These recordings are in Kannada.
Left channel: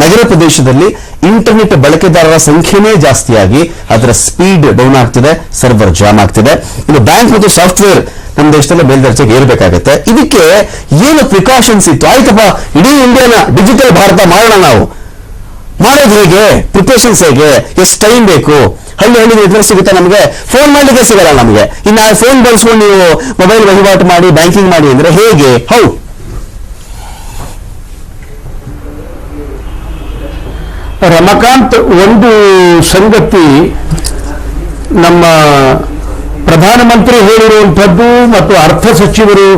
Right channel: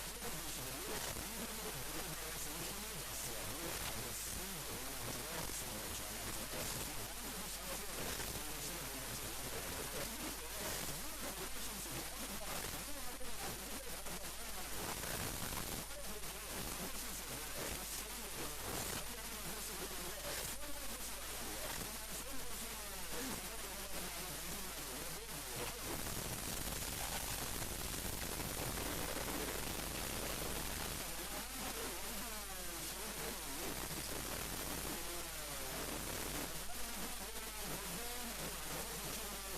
ನಗರ ಪ್ರದೇಶದಲ್ಲಿ ಇಂಟರ್ನೆಟ್ ಬಳಕೆದಾರರ ಸಂಖ್ಯೆನೇ ಜಾಸ್ತಿಯಾಗಿ ಅದರ ಸ್ಪೀಡ್ ಡೌನ್ ಆಗ್ತಿದೆ, ಸರ್ವರ್ ಜಾಮ್ ಆಗ್ತಿದೆ. ಇನ್ನು ಬ್ಯಾಂಕ್ ಮತ್ತು ಸಾಫ್ಟ್ವೇರ್ ನಮ್ಮ ದೇಶದಲ್ಲಿ ಮೇಲ್ದರ್ಜೆಗೆ ಏರ್ಬೇಕಾಗತ್ತೆ. ಇದಕ್ಕೆ ಏನು ಪ್ರಿಕಾಷನ್ಸ್ ಇತ್ತು? ಆಯ್ತಪ್ಪ, ಇಡೀ ಇಂಡಿಯಾನ ಡಿಜಿಟಲ್ ಭಾರತ ಮಾಡೋಣ ನಾವು. ಮಾಡೋದು ಹೇಗೆ? ಪ್ರಿಪರೇಷನ್ಸ್ ಹೇಗೆ? ಎಷ್ಟು ಟೈಮ್ ಬೇಕು? ಹಳ್ಳಿ ಹಳ್ಳಿ ಇದ್ರೆ ಸಿಗುತ್ತೆ ನಮಗೆ. ಫೋನ್ ಮಾಡಲಿಕ್ಕೆ ಸಿಗಲ್ಲ ನಮಗೆ. ಇನ್ನು ಫೋನ್ ಬಳಸ್ಕೊಂಡು ನೀವು ಮೊಬೈಲ್ ವಹಿವಾಟು ಮಾಡಿ ಬ್ಯಾಂಕಿಂಗ್ ಮಾಡಿ ಅಂದ್ರೆ ಹೇಗೆ? ಹೌ ರಮಕಾಂತ್ ಒಂದು ಸಂಗತಿ ನಮ್ಮ ಪ್ರಧಾನಮಂತ್ರಿ ಹೇಳಿರುವಂಥದ್ದು ಮತ್ತು ಅರ್ಥ ಸಚಿವರು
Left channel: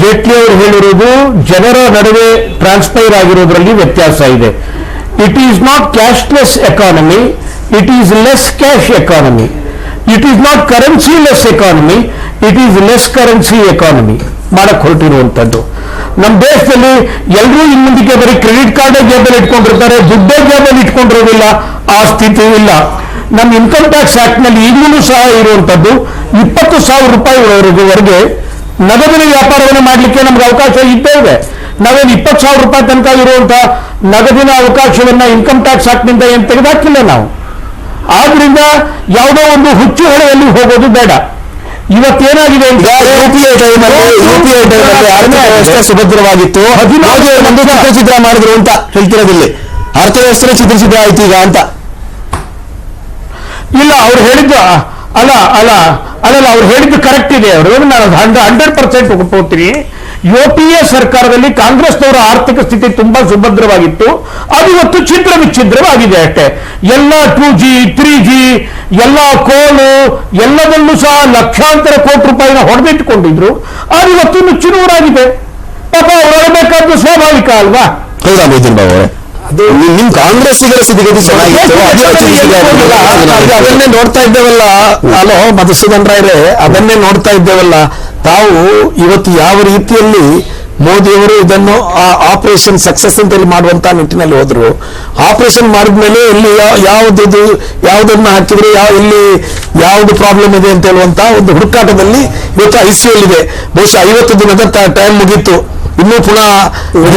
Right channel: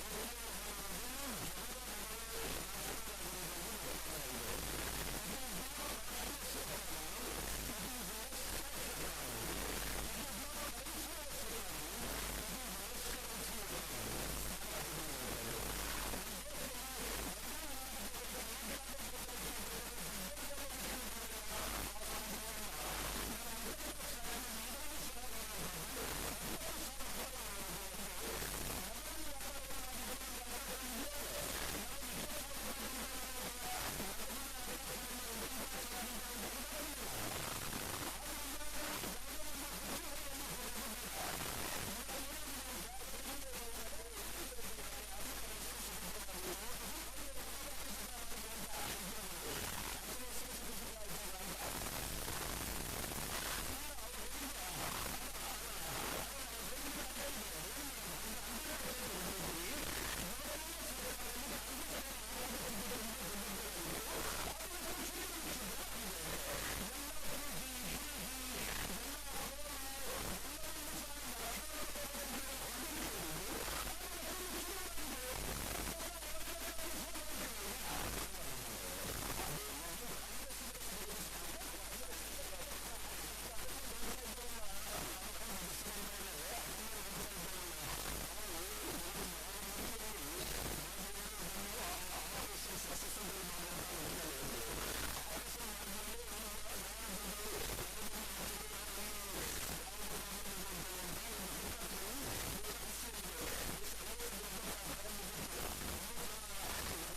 ಜೇಟ್ಲಿ ಅವರು ಹೇಳಿರುವುದು ಜನರ ನಡುವೆ ಟ್ರಾನ್ಸ್ಪೈರ್ ಆಗಿರೋದರಲ್ಲಿ ವ್ಯತ್ಯಾಸ ಇದೆ. It is not cashless economy it is less cash economy it is not currency less economy it is less currency economy ಮಾಡಕ್ ಹೊರಟಿರುವಂಥದ್ದು. ನಮ್ಮ ದೇಶದಲ್ಲಿ ಎಲ್ಲರೂ ಇನ್ ಮುಂದಕ್ಕೆ ಬರೀ ಕ್ರೆಡಿಟ್ ಕಾರ್ಡ್ ಜೇಬಲ್ಲಿ ಇಟ್ಕೊಂಡಿರ್ತಾರೆ, ದುಡ್ಡೇ ಜೇಬಲ್ಲಿ ಇಟ್ಕೊಂಡಿರೋದಿಲ್ಲ, ಆ ಸ್ಥಿತಿ ಇಲ್ಲ. ನಮ್ಮ ಇನ್ಕಮ್ ಟ್ಯಾಕ್ಸ್ ಆಕ್ಟ್ನಲ್ಲಿ ಈಗಲೂ ಸಹ ಇರುವಂತದ್ದು ಇಪ್ಪತ್ತು ಸಾವಿರ ರೂಪಾಯಿವರೆಗೆ ನಗದಿನ ವ್ಯಾಪಾರವನ್ನು ಮಾಡಲಿಕ್ಕೆ ನಮ್ಗೆ ಅವಕಾಶ ಇದ್ದೇ ಇದೆ. ನಾವೇನು ಇಪ್ಪತ್ತು ಸಾವಿರ ರೂಪಾಯಿ ತನಕ ಇರುವಂತಹ ನಗದಿನ ಅವಕಾಶವನ್ನ ಇನ್ಕಮ್ ಟ್ಯಾಕ್ಸ್ ಆಕ್ಟ್ನಿಂದ ಏನು ತೆಗೆದಾಕಿಲ್ಲ ನಾವು. ಆದ್ರಿಂದ ಯಾವುದೋ ಒಂದು ಹುಚ್ಚು ಹೊಳೆಯಲ್ಲಿ ಹೋಗೋದು ಬೇಡ. ಇವತ್ತೇನಾಗಿದೆ ಯುಪಿಐ ಟೈಮಲ್ಲಿ ಯುಪಿಐ ಟೈಮಲ್ಲಿ ಆರ್ಥಿಕ ವ್ಯವಸ್ಥೆ ಸುಭದ್ರವಾಗಿತ್ತು. ಚಿತ್ರ ಚಿತ್ರಚಿತ್ರ ಮಾಡಿದ್ರು ಅಂತ ಹೇಳ್ತಿರೋದಿಲ್ಲಿ. ಅರ್ಥವ್ಯವಸ್ಥೆ ಚಿತ್ರಚಿತ್ರ ಆಯ್ತು ಈಗ ಅಂತ. ಇಲ್ಲ ಅವ್ರು ಹೇಳಿದ್ದು ಅಲ್ಲ ಅಲ್ಲ ಅಲ್ಲಲ್ಲ ಅವ್ರು ಹೇಳಿದ್ದು ಕರೆಕ್ಟ್ ಇದೆ. ಅವರು ನಾನು ಹಂಡ್ರೆಡ್ ಪರ್ಸೆಂಟ್ ಒಪ್ಕೋತೀನಿ. ಯು ಪಿ ಎ ಸರ್ಕಾರದಲ್ಲಿ ಕಾಂಗ್ರೆಸ್ನವರ ಆರ್ಥಿಕ ಸ್ಥಿತಿ ತುಂಬಾ ಸುಭದ್ರವಾಗಿತ್ತು. ಅದು ಇವತ್ತು ಛಿದ್ರ ವಿಚ್ಛಿದ್ರವಾಗಿದೆ ಅಷ್ಟೇ. ಎಲ್ಲ ಟೂ ಜಿ ತ್ರೀ ಜಿ ಎಲ್ಲ ಕೋಲು ಎಲ್ಲದಲ್ಲೂ ಸಹ ಲಕ್ಷಾಂತರ ಕೋಟಿ ರೂಪಾಯಿನ ಹೊಡೆದಿಟ್ಟುಕೊಂಡಿದ್ರು. ಅದು ಇವತ್ತು ನುಚ್ಚುನೂರಾಗಿದೆ ಪಾಪ ಅವ್ರು ಹೇಳಬೇಕಾದ್ದು ಸ್ವಾಭಾವಿಕ ಅಲ್ವಾ? ಹೌದಾ ಮೈದೀನ್ ಬಾಬು ನಿಮ್- ಕಾಂಗ್ರೆಸ್ಸಿಗರ ಸ್ಥಿತಿಗತಿ ಅದನ್ನ. ಅದನ್ನೇ ನೋಡ್ತಾ ಇದ್ದೇವಲ್ಲ. ಅಲೋ ಮಧುಸೂದನ್ ರಾಯ್ರೆ ಅದನ್ನೇ ನೋಡ್ತಾ ಇದ್ದೇವಲ್ಲ. ತಾವು ಇವತ್ತು ಯಾವ ರೀತಿಯಲ್ಲಿ ಮೋದಿಯವರು ಇದನ್ನು ಆಪರೇಷನ್ ಸಕ್ಸಸ್ ಅಂತ ಹೇಳಿ ಮಾಡುವಂತ ನಿಟ್ಟಿನಲ್ಲಿ ಹೋದ್ರು. ಆಪರೇಷನ್ ಮಾಡಿದ್ಮೇಲೆ ಇಲ್ಲಿ ಯಾವ್ದು ಯಾವುದನ್ನ ಹಾಕಿದ್ರೆ ಯಾವ ಇಲ್ಲಿ ಯಾವ್ದು ಪ್ರಾಬ್ಲಮ್ ಇದೆ ಅಂತ ಹೇಳುವಂತ ಒಂದು ಹುಡುಕಾಟದಲ್ಲಿ ಇವತ್ತು ಐ ಸಿ ಇದೆ. ಬಹುಶಃ ಐವತ್ತು ದಿನದ ಟೈಮ್ ಮುಗೀತು. ಇನ್ನು ಪುನಃ. ಒಂದು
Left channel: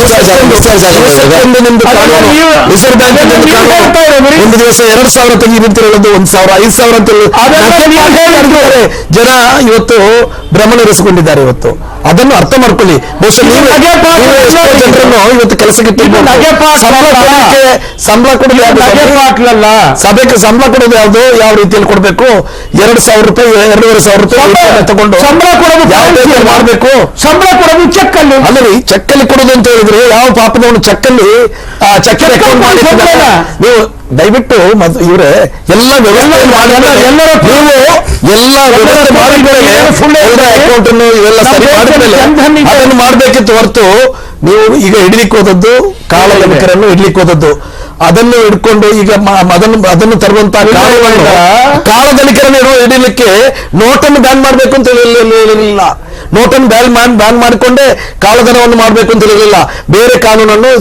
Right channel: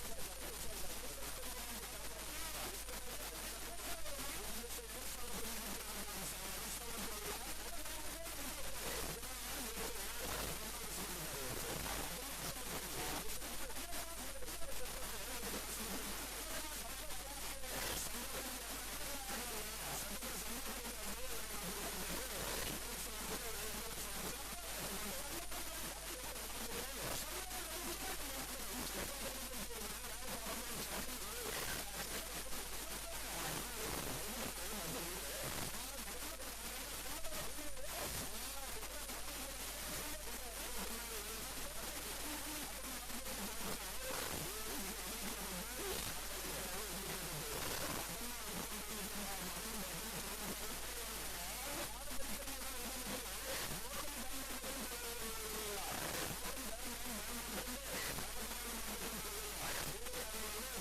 ರಿಸರ್ವ್ ಬ್ಯಾಂಕ್ ದಿವಸ ಎರಡ್ ಸಾವಿರ ತೆಗೀರಿ ಅಂತ ಹೇಳೋದು ಒಂದ್ ಸಾವಿರ ಐದು ಸಾವಿರ ಅಂತ. ಜನ ಇವತ್ತು ಭ್ರಮಣರಿಸಿಕೊಂಡಿದ್ದಾರೆ ಇವತ್ತು. ಅದನ್ನು ಅರ್ಥ ಮಾಡ್ಕೊಳ್ಳಿ. ಬಹುಶಃ ಜನರನ್ನು ಇವತ್ತು ಕೆಲಸಕ್ಕೆ ಸಂಬಳ ಕೊಡೋದು ಸಭೆಗೆ ಸಂಬಳ ಕೊಡೋದು ಯಾವ್ದು? ಯಾವ ರೀತಿಯಲ್ಲಿ ಕೊಡಬೇಕು? ಎರಡು ಸಾವಿರ ರೂಪಾಯಿ ಎರಡೂವರೆ ಸಾವಿರ ರೂಪಾಯಿ ತಗೊಂಡು ಸಂಬಳ ಕೊಡೋದು ಯಾವ. ಮಾಡ್ಬೇಕು? ಸಂಬಳ ಕೊಡೋದು ಚೆಕ್ ಅಲ್ಲಿ ಅಲ್ಲರಿ ಚೆಕ್ ಅಲ್ಲಿ ಕೊಡೋದು ಅಂತ ಹೇಳಿದ್ರೆ ಯಾವ ಪಾಪದವನು ಚೆಕ್ ಅಲ್ಲಿ ಚೆಕ್ ಅಕೌಂಟ್ ನೀವು ದಯವಿಟ್ಟು ಇವ್ರೆ ಎಲ್ಲ ಅದನ್ನು ಮಾಡ್ಬೇಕಿತ್ತು ಹೊರತು ನೀವು ಈಗ ಹಿಡಿಲಿಕ್ಕೆ ಹೋದದ್ದು ಕಾಳಧನಿಕರನ್ನು ಹಿಡ್ಲಿಕ್ಕೆ ಹೋದದ್ದು. ಅದನ್ನು ಹಿಡ್ಕೊಂಡು ಈಗ ಅದನ್ನು ಅದನ್ನು ತರುವಂತ ಕಾಳಧನಿಕರನ್ನು ಇಡುವ ಹಿಡಿಲಿಕ್ಕೆ ನೋಟನ್ನು ಬ್ಯಾನ್ ಮಾಡಬೇಕು ಅಂತ ಹೇಳಿಲ್ಲ ನೋಟನ್ನು ಬ್ಯಾನ್ ಮಾಡಿ ಬ್ಯಾನ್ ಮಾಡಿಕೊಂಡೇ ಕಾಳಧನವನ್ನು ಮಾಡಬೇಕು ಅಂತ ಇರಲಿಲ್ಲ ಬೇರೆ ಕಾನೂನನ್ನು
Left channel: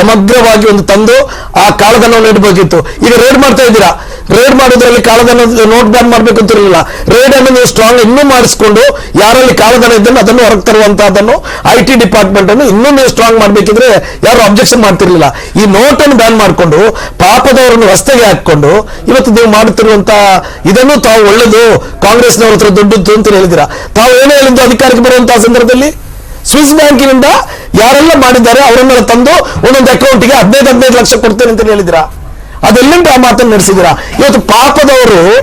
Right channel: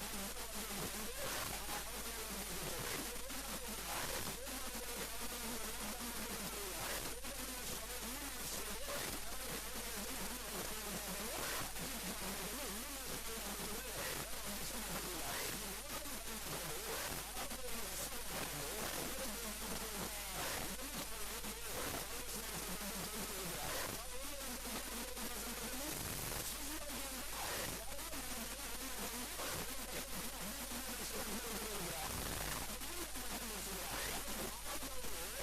ಸಮಗ್ರವಾಗಿ ಒಂದು ತಂದು ಆ ಕಾಳಧನವನ್ನು ಇಡಬೇಕಿತ್ತು. ಈಗ ರೇಡ್ ಮಾಡ್ತಾ ಇದ್ದೀರಾ? ರೇಡ್ ಮಾಡೋದ್ರಲ್ಲಿ ಕಾಳಧನ ನೋಟ್ ಬ್ಯಾನ್ ಮಾಡಬೇಕು ಅಂತ ಇರಲಿಲ್ಲ. ರೇಡ್ ಅನ್ನು ನೀವು ಸ್ಟ್ರಾಂಗ್ ಇನ್ನೂ ಮಾಡಿಸ್ಕೊಂಡು ಯಾರಲ್ಲಿ ಕಾಳಧನ ಇದ್ದನ್ನು ಅದನ್ನು ಹೊರಗೆ ತರುವಂತಹದನ್ನು ಐ ಟಿ ಡಿಪಾರ್ಟ್ಮೆಂಟ್ ಅನ್ನು ಇನ್ನೂ ನೀವು ಸ್ಟ್ರಾಂಗ್ ಮಾಡಬೇಕಿದ್ರೆ ಯಾರು ಅಬ್ಜೆಕ್ಷನ್ ಮಾಡ್ತಿರ್ಲಿಲ್ಲ. ಈ ನೋಟ್ ಅನ್ನು ಬ್ಯಾನ್ ಮಾಡಿಕೊಂಡು ಪಾಪದವರನ್ನು ರಸ್ತೆಗೆ ಹಾಕೊಂಡು ಇವತ್ತು ನೀವು ಮಾಡುತ್ತಿರುವಂತಹ ಇದನ್ನು ತಾವು ಒಳ್ಳೆದು, ಕಾಂಗ್ರೆಸ್ನವರ ಹತ್ರ ದೊಡ್ಡದ್ದು ಅಂತ ಹೇಳಿದಿರಾ ತಾವು ಏನೇ ಹೇಳಿದ್ದು ಅಧಿಕಾರಕ್ಕೆ ಬರುವಂತಹ ಸಂದರ್ಭದಲ್ಲಿ? ಸ್ವಿಸ್ ಬ್ಯಾಂಕಿನಿಂದ ಯಾರೆಲ್ಲ ಮಾಡಿದ್ದಾರೆ ಅವರನ್ನೆಲ್ಲ ತಂದು ಒಂದೊಂದು ಅಕೌಂಟ್ಗೆ ಹದಿನೈದು ಹದಿನೈದು ಲಕ್ಷ ಕೊಡ್ತೇನೆ ಅಂತ ಹೇಳಿದಿರಾ ಅದೆಲ್ಲಿಂದ ಆ ಮಾತನ್ನು ನಡೆಸಿದಿರಾ ಇವತ್ತು ಪಾಪದವರು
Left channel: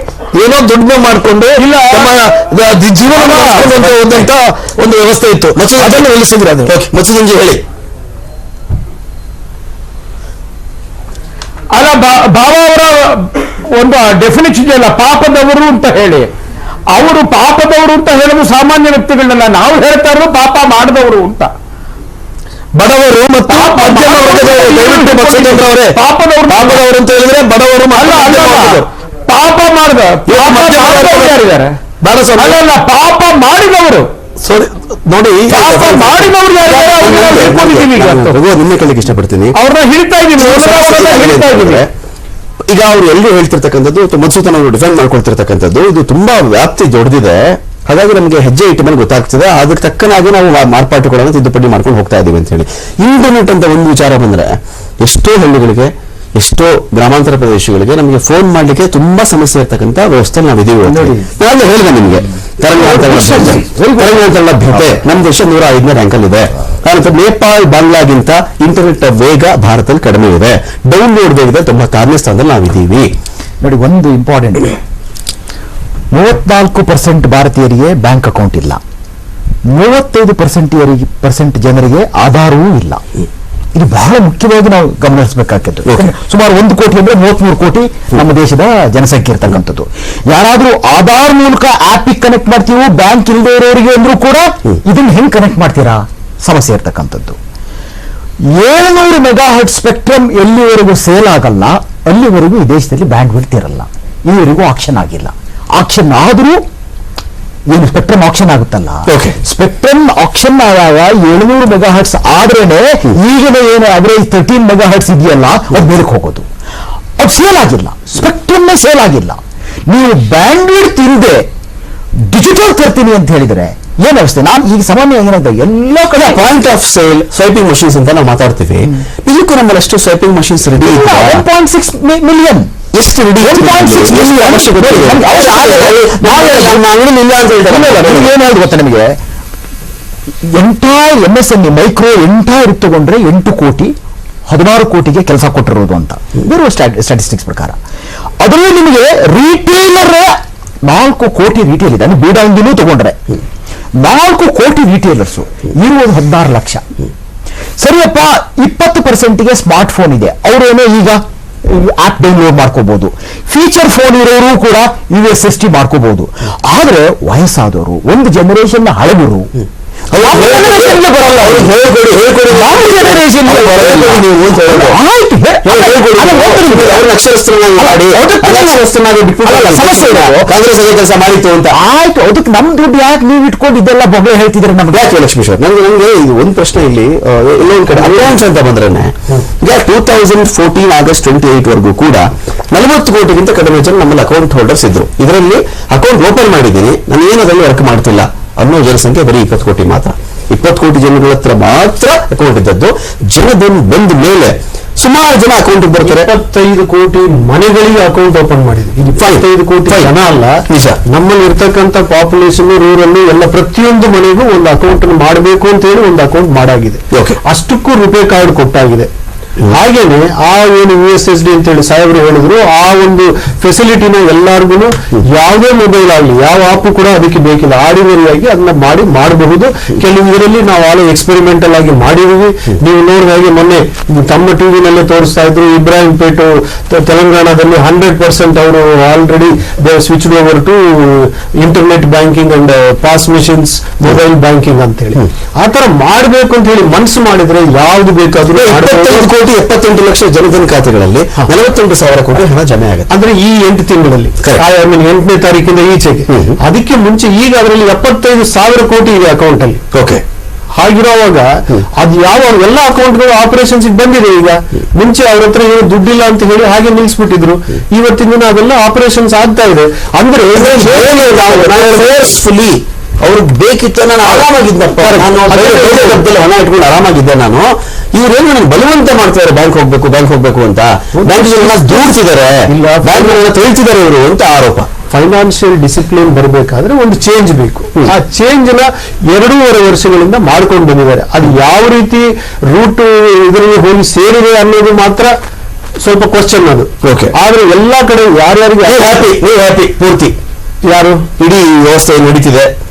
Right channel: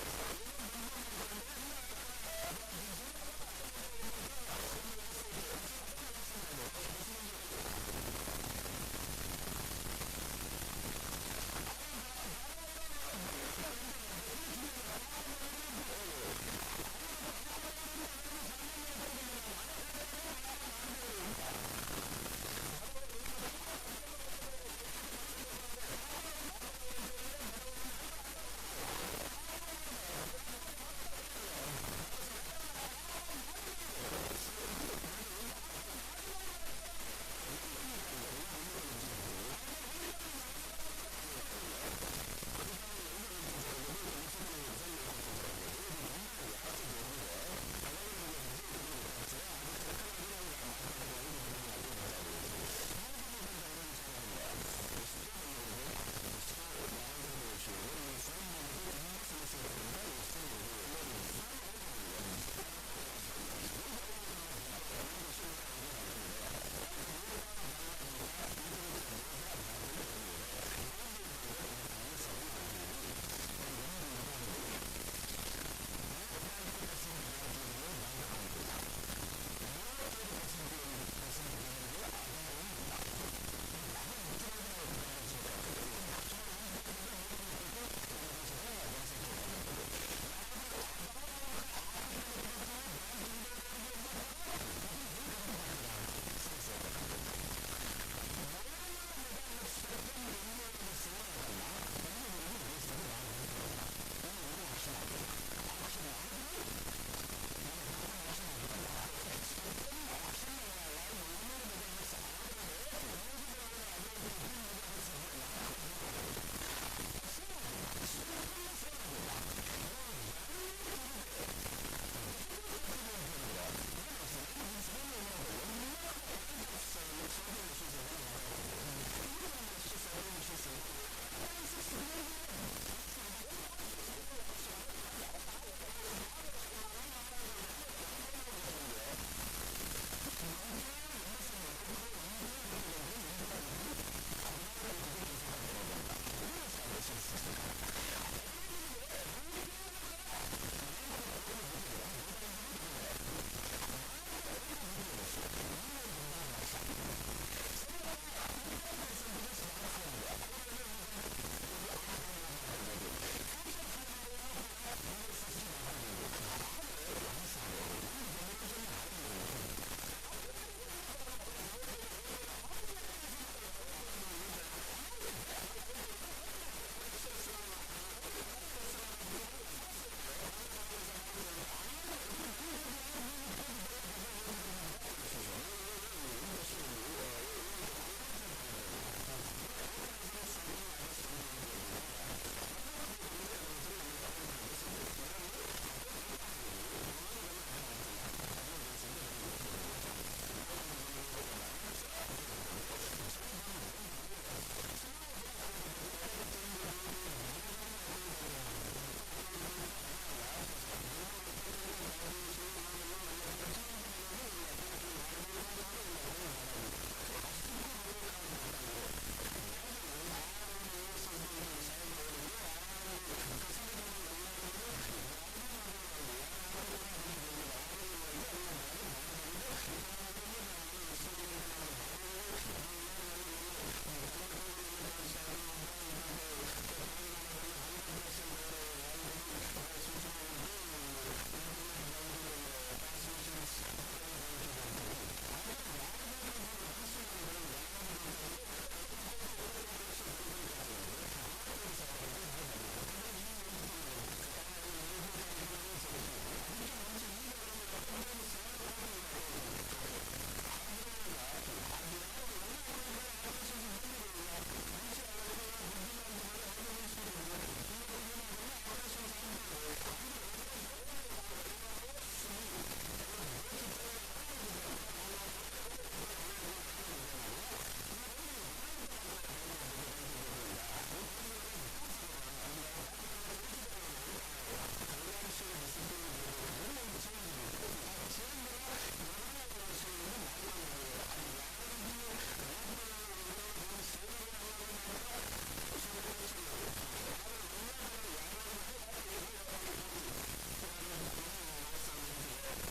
ಏನೋ ದುಡಿಮೆ ಮಾಡಿಕೊಂಡು ಇಲ್ಲ. ಜೀವನ ಹೋದಂತ ಒಂದು ವ್ಯವಸ್ಥೆ ಇತ್ತು. ಅದನ್ನು ನಿಲ್ಲಿಸಿದ್ರೆ ಅದು ಮತ್ಸುದಂಜಿ ಹೇಳಿ. ಅಲ್ಲ ಬಾ- ಭಾವ ಅವರ ಒಂದು ಡೆಫಿನೇಷನ್ ಇಲ್ಲ ಪಾಪದವರು ಅಂತ ಹೇಳಿ. ಅವರು ಪಾಪದವರು ಅಂತ ಹೇಳೋದು ಸಾಮಾನ್ಯ ವ್ಯಕ್ತಿಗಳನ್ನ ನಾವು ಹೇಳ್ತಾ ಇರೋದು ಪಾಪ ಮಾಡಿದವರು ಅಂತ. ಬಡವರು ಮತ್ತು ಮಧ್ಯಮ ವರ್ಗದವರು ದಯವಿಟ್ಟು ಮತ್ಸ್ಯೇಂದ್ರವರೇ ಪಾಪದವರು ಪಾಪದವರು ಅಂತ ಹೇಳಿದ್ರೆ ಬಡವರು ಅಲ್ಲ ಅಲ್ಲ ಪಾಪ ಮಾಡಿದ. ಬೇಡ ಸ್ವಾಮಿ. ಅಲ್ಲ ಪಾಪ ಮಾಡಿದವರು. ಸರಿ ನೋಡಿ ಮಾಡಿದವರು ನಿನ್ನೆ ಕೇಳಲಿಕ್ಕೆ ಇಷ್ಟಪಡ್ತೀನಿ. ಅವ್ರನ್ನ ಹಿಡಿತಾ ಇದ್ದೀವಿ ಈಗ ಅವ್ರು ಎಲ್ಲರೂ ಹೇಳ್ತಿರ್ತಕ್ಕಂಥದ್ದು ಅವರು ಡಿಫೆಂಡ್ ಮಾಡ್ಕೊಳ್ತಿರ್ತಕ್ಕಂಥದ್ದು ಇದು ತುಂಬಾ ವ್ಯಾಪ್ತಿ ದೊಡ್ಡದಿದೆ. ಹಾಗಾಗಿ ನಮಗೆ ಹೆಜ್ಜೆ ಇಟ್ಟ ಮೇಲೆ ಗೊತ್ತಾಗ್ತದೆ. ಅದಕ್ಕೆ ತಕ್ಕನಾಗಿ ನಾವು ಮಾರ್ಪಾಟುಗಳನ್ನು ತಿದ್ದುಪಡಿ ಮಾಡ್ಕೊಂಡು ಹೋಗ್ತಾ ಇದ್ದೀವಿ ಅಂತ ಹೇಳಿ. ಇಂಟರ್ನೆಟ್ ಅಂತ ಒಂದು ವಿಚಾರ ಬಂದ್ರೆ ಎಷ್ಟೋ ಹಳ್ಳಿಗಳಿಗೆ ಎಷ್ಟೋ ಗ್ರಾಮಾಂತರ ಪ್ರದೇಶಗಳಿಗೆ ನಮಗೆ ಫೋನ್ ಮಾಡ್ಲಿಕ್ಕೆ ತುಂಬಾ ಸಮಸ್ಯೆ ಇರ್ತಕ್ಕಂಥ ವ್ಯವಸ್ಥೆ ನಾವು ಇದೀವಿ ಇವತ್ತು. ನೋಡಿ. ನಾನು ಹೇಳಿದೆ ನಿಮಗೆ. ತರಂಗಾಂತರ ಲಭ್ಯತೆ ತರಂಗಾಂತರ ಲಭ್ಯತೆ ನಮ್ಮ ದೇಶ ನೂರ ಐದನೇ ರ್ಯಾಂಕ್ ಅಲ್ಲಿ ಇದೆ ಆನಂತರ ನೇಪಾಳ್ ಬಾಂಗ್ಲಾಗಿಂತ ಇಂಟರ್ನೆಟ್ ವೇಗ ಭಾರತದಲ್ಲಿ ಕಡಿಮೆ ಇದೆ. ಡೌನ್ಲೋಡ್ ವೇಗದಲ್ಲಿ ತೊಂಬತ್ತಾರನೇ ಸ್ಥಾನದಲ್ಲಿ ನಾವಿದ್ದೀವಿ. ನೋಡಿ ಒಂದು ಇಂಪಾರ್ಟೆಂಟ್ ಮೂವತ್ನಾಲ್ಕು ಪರ್ಸೆಂಟ್ ಭಾರತೀಯರಿಗೆ ಬ್ಯಾಂಕ್ ಅಕೌಂಟ್ ಇಲ್ಲ. ಮೂವತ್ತೈದು ಪರ್ಸೆಂಟ್ ಪರ್ಸೆಂಟ್ ಜನರಿಗೆ ಆಧಾರವೂ ಇಲ್ಲ. ಇದು ಬಹಳ ಮುಖ್ಯವಾಗಿ ನಾವು ಗಮನಿಸಬೇಕಾಗಿತ್ತು ಸುಮಾರು ಒಂದು ಕೋಟಿ ಅಂದ್ರೆ ಮೂವತ್ಮೂರು ಕೋಟಿ ನಮ್ಮ ದೇಶದ ಜನಸಂಖ್ಯೆ ಇರ್ತಕ್ಕಂಥದ್ದು. ಯಾರಾದರೂ ಆಧಾರ್ ಮೂಲಕ ಆಪಿಗೆ ಕನೆಕ್ಟ್ ಮಾಡ್ತೀವೋ ಬ್ಯಾಂಕ್ ಇಲ್ಲದೆ ಇರೋರಿಗೆ ಅಂದ್ರೂ ಕೂಡ ಇದನ್ನ ಹೆಂಗ್ ಕನೆಕ್ಟ್ ಮಾಡ್ತೀರಾ? ಸಮಸ್ಯೆ ಇರ್ತಕ್ಕಂಥದ್ದು. ಏಳ್ನೂರು ಮೆಗಾ ಹೆಡ್ ಸ್ಪೆಕ್ಟ್ರಮ್ ಎಲ್ಲಿವರೆಗೂ ಸೇಲ್ ಆಗಲ್ಲ ಅಲ್ಲಿವರೆಗೂ ಈ ದೇಶದಲ್ಲಿ ಬ್ಯಾಂಡ್ ಬಿಡ್ತಿರಲ್ಲ ಇಲ್ಲಿವರೆಗೂ ಆಕ್ಷನ್ ಆಗಿಲ್ಲ. ಆಕ್ಷನ್ ಆದರೂ ಏನು ಸ್ಪೆಕ್ಟ್ರಮ್ ಆಕ್ಷನ್ ಆಗುತ್ತಲ್ಲ. ಸ್ಪೆಕ್ಟ್ರಮ್ ಆಕ್ಷನ್ ಆದಾಗ ಏಳ್ನೂರು ಮೆಗಾ ಹರ್ಟ್ಸ್ ಆದ್ರೇನೆ ಈಗಿನ ಏನು ಅವರೇಜ್ ತರ್ಟೀನ್ ಮೆಗಾ ಹರ್ಟ್ಸ್ ಇದೆಯಲ್ಲ ಅದು ಮೇಲಕ್ಕೆ ಹೋಗೋದು. ಅದು ಸೇಲ್ ಆಗಿಲ್ಲ. ಸ್ಪೆಕ್ಟ್ರಮ್ ಸೇಲ್ ಆಗಿಲ್ಲ. ನೀವು ಬ್ಯಾಂಡ್ ವಿಡ್ತ್ ಇಲ್ಲದೆ ಡಿಜಿಟಲ್ ತರ್ತೀನಿ ಅಂತ ಹೇಳಿದ್ರೆ ಏನ್ ಅವಸ್ಥೆ ನಾನು ಈಗ ಸಾಮಾನ್ಯ ಏನಂತ ಎಲ್ಲ ಕಡೆ point of sale swiping machines ಅಂತ ನಾವು ಮಾತಾಡ್ತೀವಿ. ನಿಜಕ್ಕೂ ನಮ್ಮಲ್ಲಿ ಅಷ್ಟು swiping machines ready one point six million ಎಷ್ಟು ರೆಡಿ 1.6 million ಅವಶ್ಯಕತೆ ಇದೆ? ನಮ್ಗೆ ಅವಶ್ಯಕತೆ ಇದೆ. ನಾವೇ ಇಲ್ಲ ಅಂತ ಹೇಳ್ತಾರೆ. ಗೊತ್ತಾ ನಿಮಗೆ? ಎಂಟ M S N micro entire ತಗೊಂಡ್ರೆ ಎಂಟು ಕೋಟಿ ಹದಿನಾರು ಕೋಟಿಗೆ ಕೆಲಸ ಕೊಟ್ಟಿರೋದು ಅಂತ. ಬೇರೆ ಸ್ಟಾಟಿಸ್ಟಿಕ್ಸ್ ಪ್ರಕಾರ. ಅದರಲ್ಲೂ ನಿಮಗೆ ರಿಟೇಲರ್ ನಾಲ್ಕು ಕೋಟಿ ರಿಟೇಲ್ ಇದೆ. ಅಂದ್ರೆ ಬೀಡಾಂಗಿನೂ ತಗೊಂಡ್ರೆ. ನಾಲ್ಕು ಕೋಟಿ ರಿಟೇಲರ್ಸ್ ಇರುವುದು ಹದಿನಾರು ಲಕ್ಷ. ಸರಿಯಪ್ಪ ಇಪ್ಪತ್ತು ಪರ್ಸೆಂಟ್ಗೆ ಸ್ಮಾರ್ಟ್ ಫೋನ್ ಇದೆ. ಅವರೇನೋ ಈಗ? ಆಪ್ ಡೌನ್ಲೋಡ್ ಮಾಡ್ಕೋಬಹುದು ಫೀಚರ್ ಫೋನ್ ಇರೋರು ಕೂಡ ಯು ಎಸ್ ಎಸ್ ಮಾಡ್ಕೋಬಹುದು ಆದ್ರೆ ವಯಸ್ಸಾದವರು, ಒಂದು ಜನರೇಷನ್ಗೆ ಬರಲ್ಲ ಅವ್ರು? ಹೇಳ್ಕೊಡಿ ಹೇಳ್ಕೊಡಿ ಯಾವ ಬಿಟ್ಬಿಟ್ಟು ಸಮಸ್ಯೆ. ಕಾಂಗ್ರೆಸ್ ಅದೇ ಕೆಲಸ ಮಾಡಿತ್ತು ಅಂತ. ಆಯ್ತು ಅದಕ್ಕೆ ನಮ್ ದುಡ್ಡು ಯಾಕೆ ನೀವು ಇಟ್ಕೊಂಡು ಇದೆಲ್ಲ ಬೊಬ್ಬೆ ಹೇಳ್ತಿದ್ರೆ ನಮ್ಗೆ? ಯಾಕೆ ಲಕ್ಷ್ಮೀಶ್ವರ್ ನನಗೆ ನಂಗೆ ಇದು ಒಂದು ಪ್ರಶ್ನೆ ಇಲ್ಲಿ ಒಂದ್ ಕಡೆ ಅಲಯನ್ಸ್ ಅಂತ ಬಂದ್ರೇನೆ ಈಗ two thousand fourteen August twenty eight ವರೆಗೂ ಕೂಡ ನಲವತ್ತು ಕೋಟಿಗಿಂತ ಕಡಿಮೆ ಜನ ನಮ್ಮಲ್ಲಿ ಅಕೌಂಟ್ ಹೋಲ್ಡರ್ಸ್ ಇದ್ರು. ಇದರಲ್ಲಿ ಅಕೌಂಟ್ ಓಪನ್ ಮಾಡಿದ್ದೀನಿ. ನಾನು ಏನು ಅದರಲ್ಲಿ ವರ್ಕ್ ಮಾಡ್ತಿಲ್ಲ. ಅನ್ನೋ ಜನಸಂಖ್ಯೆ ಬರೀ ಇಪ್ಪತ್ತು ಕೋಟಿ ಮಾತ್ರ. ಇಪ್ಪತ್ತು ಕೋಟಿ ಜನಗಳ ಹತ್ರ ಮಾತ್ರ ಅಕೌಂಟ್ ಇದ್ದದ್ದು. ಜನಧನ್ ಬಂದ ಮೇಲೆ ಸುಮಾರು ಜನ ಅಕೌಂಟ್ ಬರ್ತಾರೆ. ಇಪ್ಪತ್ತೈದು ಕೋಟಿ ಮನೆಗಳಿಗೆ ಅಕೌಂಟ್ ಓಪನ್ ಮಾಡಿದೆ ಇದು ಇಪ್ಪತ್ತೈದು ಕೋಟಿ. ಜನ ಅಲ್ಲ. ನಿಜ. ನಮ್ಮಲ್ಲಿ ಇರ್ತಕ್ಕಂಥ ಪಾಪ್ಯುಲೇಷನ್ ರೂರಲ್ ಎಲ್ಲ ಪ್ರತಿಯೊಂದು ಮನೆಗೂ ಒಂದು ಅಕೌಂಟ್ ಮಾಡಬೇಕು ಅಂತ ಹೇಳಿ ಒಂದು ಅಕೌಂಟ್ ಮಾಡಾಗಿದೆ. ಅಷ್ಟಕ್ಕೂ ರುಪೇ ಕಾರ್ಡ್ ಕೊಟ್ಟಾಗಿದೆ. ಹಾಗೇನೆ ಆ ಏನು ಯು ಎಸ್ ಎಸ್ ಡಿ ಅಂತ ಹೇಳಿ ಸಾಹೇಬರು ಹೇಳಿದ್ರು ಆ ಒಂದು ಫೆಸಿಲಿಟಿನ ಎಲ್ಲಾರ್ಗು ಯಾವುದೇ ಮೊಬೈಲ್ ಆಗಲಿ ಯಾವ ಆಪ್ ಕೂಡ ಅದಕ್ಕೆ ಬೇಕಿಲ್ಲ. ಆರ್ಡಿನರಿ ಆಗಿ ಅದನ್ನ ಮಾಡಿ ಮಾಡಬಹುದು. ಕೆಲವು ಇದರಲ್ಲಿ ನಾವು ಆಲೋ ಎಕ್ಸ್ಪೆರಿಮೆಂಟಲ್ ಆಗಿ ಮಾಡಿದೀವಿ ನೀವು ನೋಡಿದ ಹಾಗೆ ಮೊನ್ನೆ ತಮ್ಮ ಟಿವಿನಲ್ಲೇ ತೋರಿಸ್ತಾ ಇದ್ರು ಇಬ್ರಾಹಿಂ ಪೇಟು ತೆಲಂಗಾಣದಲ್ಲಿ ಹಂಡ್ರೆಡ್ ಪರ್ಸೆಂಟ್ ಅವರು already they switch over to internet banking and POS machines mobile banking ಅಂತ ಹೇಳಿ ಆ ತರ ಮಾಡಬೇಕು ಅಂತ ಹೇಳಿ ಮನಸ್ಸು ಮಾಡಿದ್ರೆ ಯಾವ್ದು ಬೇಕಾದ್ರೂ. ಕೋಟಿ ಎಪ್ಪತ್ತೆಂಟು ಲಕ್ಷ ಜನಧನ್ ಖಾತೆಗಳಲ್ಲಿ ನಲವತ್ತೆಂಟು ಸಾವಿರ ಕೋಟಿ ಹಣ ಜಮೆ ಆಗುತ್ತೆ. ಅಂದ್ರೆ ಈ ಎಂಟು ತಿಂಗಳಲ್ಲಿ ಎಂಟನೇ ತಾರೀಕಿಂದ ಈಚೆಗೆ. ಅದಕ್ಕೆ ಮುಂಚೆ ಈಗ ಅದರಲ್ಲಿ ಎಪ್ಪತ್ತೈದು ಸಾವಿರ ಕೋಟಿ ಇದೆ ಅಕೌಂಟ್ ಅಲ್ಲಿ. ಓಕೆ ಹಾಗಿರುವಾಗ ಅದು ಯಾವ ಎಲ್ಲ ಅಕೌಂಟ್ಗಳು ಆಪರೇಷನ್ಸ್ ಬಂದಿದೆ ಈಗ. ಮುಂಚೆ ಅವ್ರ ಹತ್ರ ಏನು ದುಡ್ಡಿಲ್ಲ ಅಂತ ಹೇಳಿ ಹಾಗೆ ನಿಲ್ಸ್ಬಿಟ್ಟಿದ್ರು. ಇವತ್ತಿನ ದಿನ ಅದೆಲ್ಲ ಆಪರೇಷನ್ಸ್ ಆಗ್ತಾ ಇದೆ. ಅಂದ್ರೆ ಅವ್ರಿಗೆ ಬೇಕಿತ್ತ ನಾನು ಆರಾಮಾಗಿದ್ದೆ ಹಣ ಇಟ್ಕೊಂಡು ಆರಾಮಾಗಿದ್ದೆ ನಾನು. ಇವ್ರೇನು ನನಗೆ ಬಲವಂತ ಮಾಡ್ತಿದ್ದಾರೆ ಬ್ಯಾಂಕ್ ಹೋಗ್ಬೇಕು ಬ್ಯಾಂಕ್ ಹೋಗ್ಬೇಕು ಅಂತ. ಬ್ಯಾಂಕ್ ದೂಡ್ತಿದ್ದಾರೆ. ಬ್ಯಾಂಕ್ ತೇಳ್ತಿದ್ದಾರೆ ಇವರು ಅಂತ ಆರೋಪ. ಫೈನಾನ್ಷಿಯಲ್ ಡಿಸಿಪ್ಲಿನ್ ಬರಬೇಕಾದ್ರೆ ಒಂದು ಚೇಂಜ್ ಬೇಕು. ಆ ಚೇಂಜ್ನ ಎರಡೂವರೆ ವರ್ಷಗಳಿಂದ ಮಾಡ್ಕೊಂಡು ಬಂದಿದ್ದಾರೆ. ಅದು ಯಾವ ರೀತಿ ರೂಟ್ ಇದರಲ್ಲಿ ಹೋಗಿ ಸೇರಿದೆ ಅನ್ನೋದು ಮಾತ್ರ ಸ್ವಲ್ಪ ಕ್ವಶನ್ ಅದು. ಆದ್ರೆ ಎಲ್ಲಾ ಕಡೆ ಯಾರ್ಯಾರಿಗೆ ಹ್ಯಾಪಿ ಹ್ಯಾಪಿ ಪೂರ್ತಿ. ಯಾರು? ಇಡೀ ವ್ಯವಸ್ಥೆ ನಡೀತಿದೆ.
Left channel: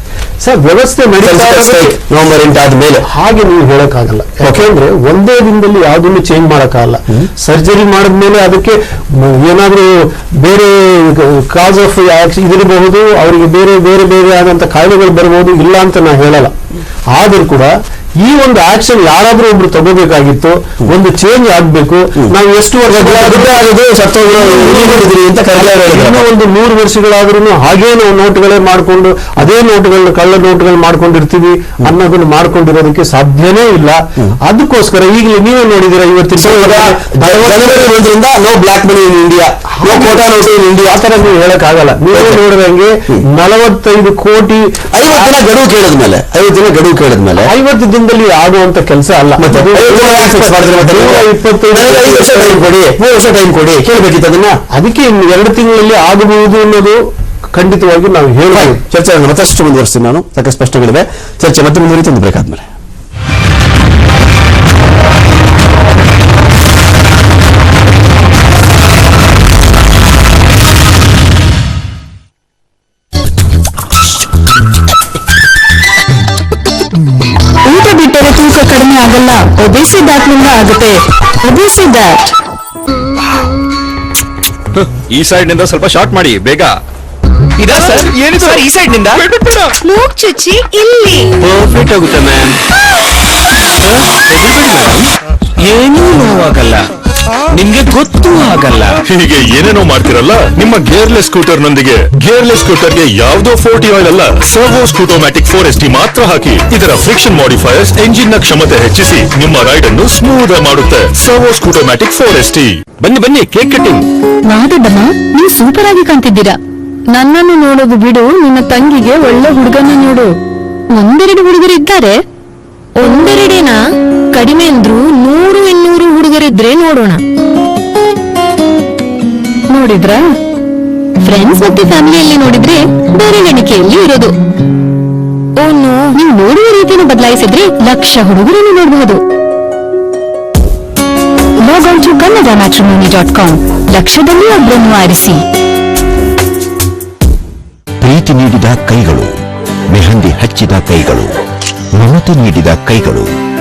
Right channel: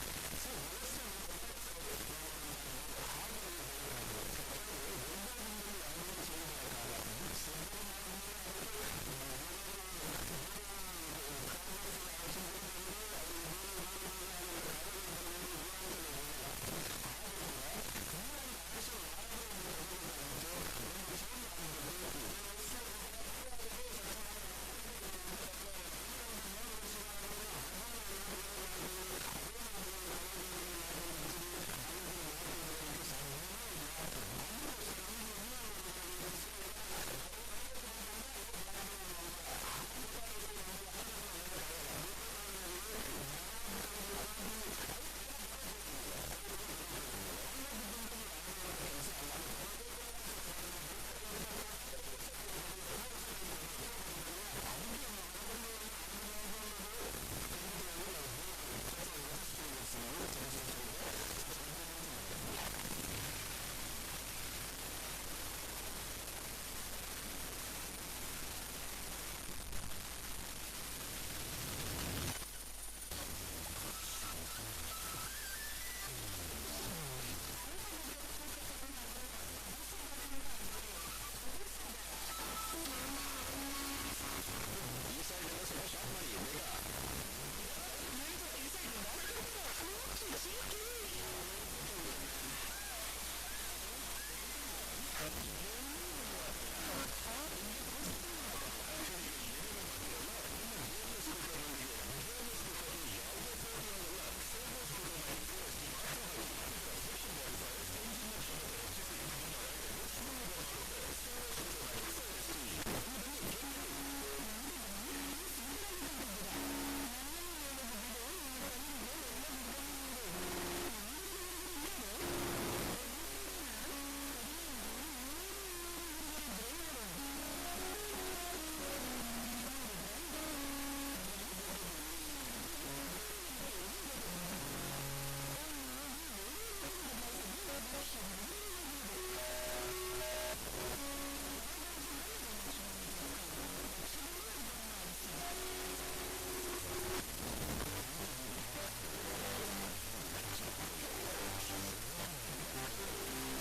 ಸರ್ ವ್ಯವಸ್ಥೆ ನವೆಂಬರ್ ಎಂಟು ಆದ್ಮೇಲೆ ಹಾಗೆ ನೀವು ಹೇಳಕ್ಕಾಗಲ್ಲ. ಯಾಕೆಂದ್ರೆ ಒಂದೇ ದಿನದಲ್ಲಿ ಯಾವ್ದನ್ನು ಚೇಂಜ್ ಮಾಡಕ್ಕಾಗಲ್ಲ. ಸರ್ಜರಿ ಮಾಡಿದ್ಮೇಲೆ ಅದಕ್ಕೆ ಏನಾದರೂ ಏನಾದ್ರೂ ಬೇರೆ ಕಾಸ್ ಆಫ್ ಇದಿರಬಹುದು ಅವರಿಗೆ ಬೇರೆ ಬೇರೆ ಬೇರೆ ಆದಂತ ಕಾಯಿಲೆಗಳು ಬರಬಹುದು ಇಲ್ಲ ಅಂತ ನಾ ಹೇಳಲ್ಲ. ಆದ್ರೂ ಕೂಡ ಈ ಒಂದು ಆಕ್ಷನ್ ಯಾರಾದ್ರೂ ಒಬ್ರು ತಗೋಬೇಕಾಗಿತ್ತು ಒಂದು ಚೇಂಜ್ ಆಗ್ಬೇಕು. ನಾವು ಎಷ್ಟು ವರ್ಷ ಅಂತ ಇನ್ನೂ ಒಂದು ನೂರು ವರ್ಷಗಳಾದ್ರೂ ಹಾಗೇ ನಾವು ನೋಟ್ಗಳೇ ಮಾಡ್ಕೊಂಡು ಅದೇ ನೋಟ್ಗಳನ್ನ ಕಳ್ಳ ನೋಟ್ಗಳು ಮಾಡ್ಕೊಂಡಿರ್ತೀವಿ ಅನ್ನೋದನ್ನ ಮಾಡ್ಕೊಂಡಿರೋದಕ್ಕೆ ಸಾಧ್ಯನೇ ಇಲ್ಲ. ಅದಕ್ಕೋಸ್ಕರ ಈಗಲೇ ನೀವೇ ನೋಡಿದಿರ ಇವತ್ತಿನ no black money in India no quota note in India ಆ ತರ ನೀವು ಹೇಳಕ್ ಆಗಲ್ಲ ನೀವೇ ನೋಡಿದಂಗೆ ನಲವತ್ತೈದು ಕೋಟಿ ಐವತ್ತು ದಿನ ಗಡುವು ಕೇಳಿದ್ಮೇಲೆ ಐವತ್ತು ದಿನ ಗಡುವು ಕೇಳಿದ್ಮೇಲೆ ಐವತ್ತು ದಿನ ದಿನದಲ್ಲಿ ಆಗುವಂತ ಕೆಲಸ ಅಲ್ಲ. ವರ್ಷ ಟೈಮ್ ಕೊಡಿ ಮೂರು ವರ್ಷ ಟೈಮ್ ಕೊಡಿ ಕೇಳಬೇಕಿತ್ತು ಅದನ್ನ? ಅದಕ್ಕೆ ಇನ್ನು ಎರಡು ತಿಂಗಳಲ್ಲಿ ಆಗಬಹುದು ಅನ್ನೋದು ಖಂಡಿತವಾಗಿ ನಾವು ಹೇಳಿ ಚರ್ಚೆ ಮತ್ತಷ್ಟು ಮುಂದುವರಿಸ್ತೀನಿ ನಾನು. ಸಾಕಷ್ಟು ಪ್ರಶ್ನೆಗಳಿವೆ. ಚರ್ಚೆ ಮತ್ತೆ ಮುಂದುವರಿತು ಒಂದು ಬ್ರೇಕ್ ಆದ್ಮೇಲೆ. ಒಬೇಸಿ ನಿಂದ ಆಗುತ್ತೆ ಒಬಿಸಿ ದಾಟ್ ಈ ಸೈಡ್ನಿಂದ ಸ್ವಲ್ಪ ಶಾರ್ಟ್ ಮಾಡಿ ಬೇಗ. ಇದಾ ಸರ್? ಏನಿದು? ಸರ್ ಈ ಸೈಡ್ನಿಂದ ಮೂಗ್ ಚುಚ್ಚಿ ಇಲ್ಲಿ. ಪರ್ಫೆಕ್ಟ್ ಆಗುತ್ತೆ ಮ್ಯಾಮ್ ಏನೂ ನೋವಾಗಲ್ಲ. ನಿಮ್ಗೆ ಗೊತ್ತೂ ಆಗಲ್ಲ. ಹೀಗೆ ಏನೇನೋ ಮಾಡ್ತಿರಲ್ಲ ನಿಮ್ಮ ಗೇರ್ಲೆಸ್ ಸ್ಕೂಟರ್ ನೊಂದಿಗೆ. ಗೇರ್ಲೆಸ್ ಸ್ಕೂಟರ್ಗೆ ಯಾವ್ದೋ ಫೋರ್ಟಿ ಆಯಿಲ್ ಅಲ್ಲ Servo scootomatic four S T ಮಾತ್ರ ಹಾಕಿ ಇದರ ಫ್ರಿಕ್ಷನ್ ಮಾಡಿಫೈಯರ್ಸ್ ಎಂಜಿನ್ನ ಕ್ಷಮತೆ ಹೆಚ್ಚಿಸಿ ನಿಮ್ಮ ರೈಡ್ ಅನ್ನು ಸ್ಮೂತ್ ಮಾಡುತ್ತೆ. Servo scootomatic four S T. ಬನ್ನಿ ಬನ್ನಿ ಕೇಕ್ ಕಟ್ಟಿಂಗ್. ಮಾದಡ್ಡಮ್ಮ ನೀವು ಸೂಪರ್ ಆಗಿ ಕಾಣ್ತಿದ್ದೀರಾ. ನನ್ನನ್ನು ನೋಡೋದು ಬಿಡು ನಿನ್ನ ತಂಗಿಗೆ ಒಳ್ಳೆ ಹುಡುಗನ ನೋಡು. ಒಂದೆರಡು ಹುಡುಗರಿದ್ದಾರೆ. ಒಂದೆರಡೇನಾ? ಕಡಿಮೆ ಅಂದ್ರು ನೂರು ಇನ್ನೂರು ಹುಡುಗರಿದ್ರೆ ನೋಡೋಣ. ನೋಡಿದ್ರ? ಫ್ರೆಂಡ್ಸ್ ಮತ್ತೆ ಫ್ಯಾಮಿಲಿಯಲ್ಲಿ ನೋಡಿದ್ರೆ ಬೇರೆ ಎಣಿಕೆಯಲ್ಲಿ ಇರೋದು. ಓನು. ನೀವು ನೋಡುವ ರೀತಿಯನ್ನು ಬದಲಾಯಿಸಿದ್ರೆ ಲಕ್ಷ ಹುಡುಗರನ್ನು ನೋಡಬಹುದು. Log on to Kannada matrimony dot com ಲಕ್ಷದಲ್ಲಿ ಒಬ್ಬರನ್ನು ಆರಿಸಿ. ಪ್ರೀತಿ ನೀಡಿದ ಕೈಗಳು ಮೆಹಂದಿ ಹಚ್ಚಿದ ಕೈಗಳು ಮಮತೆ ನೀಡಿದ ಕೈಗಳು.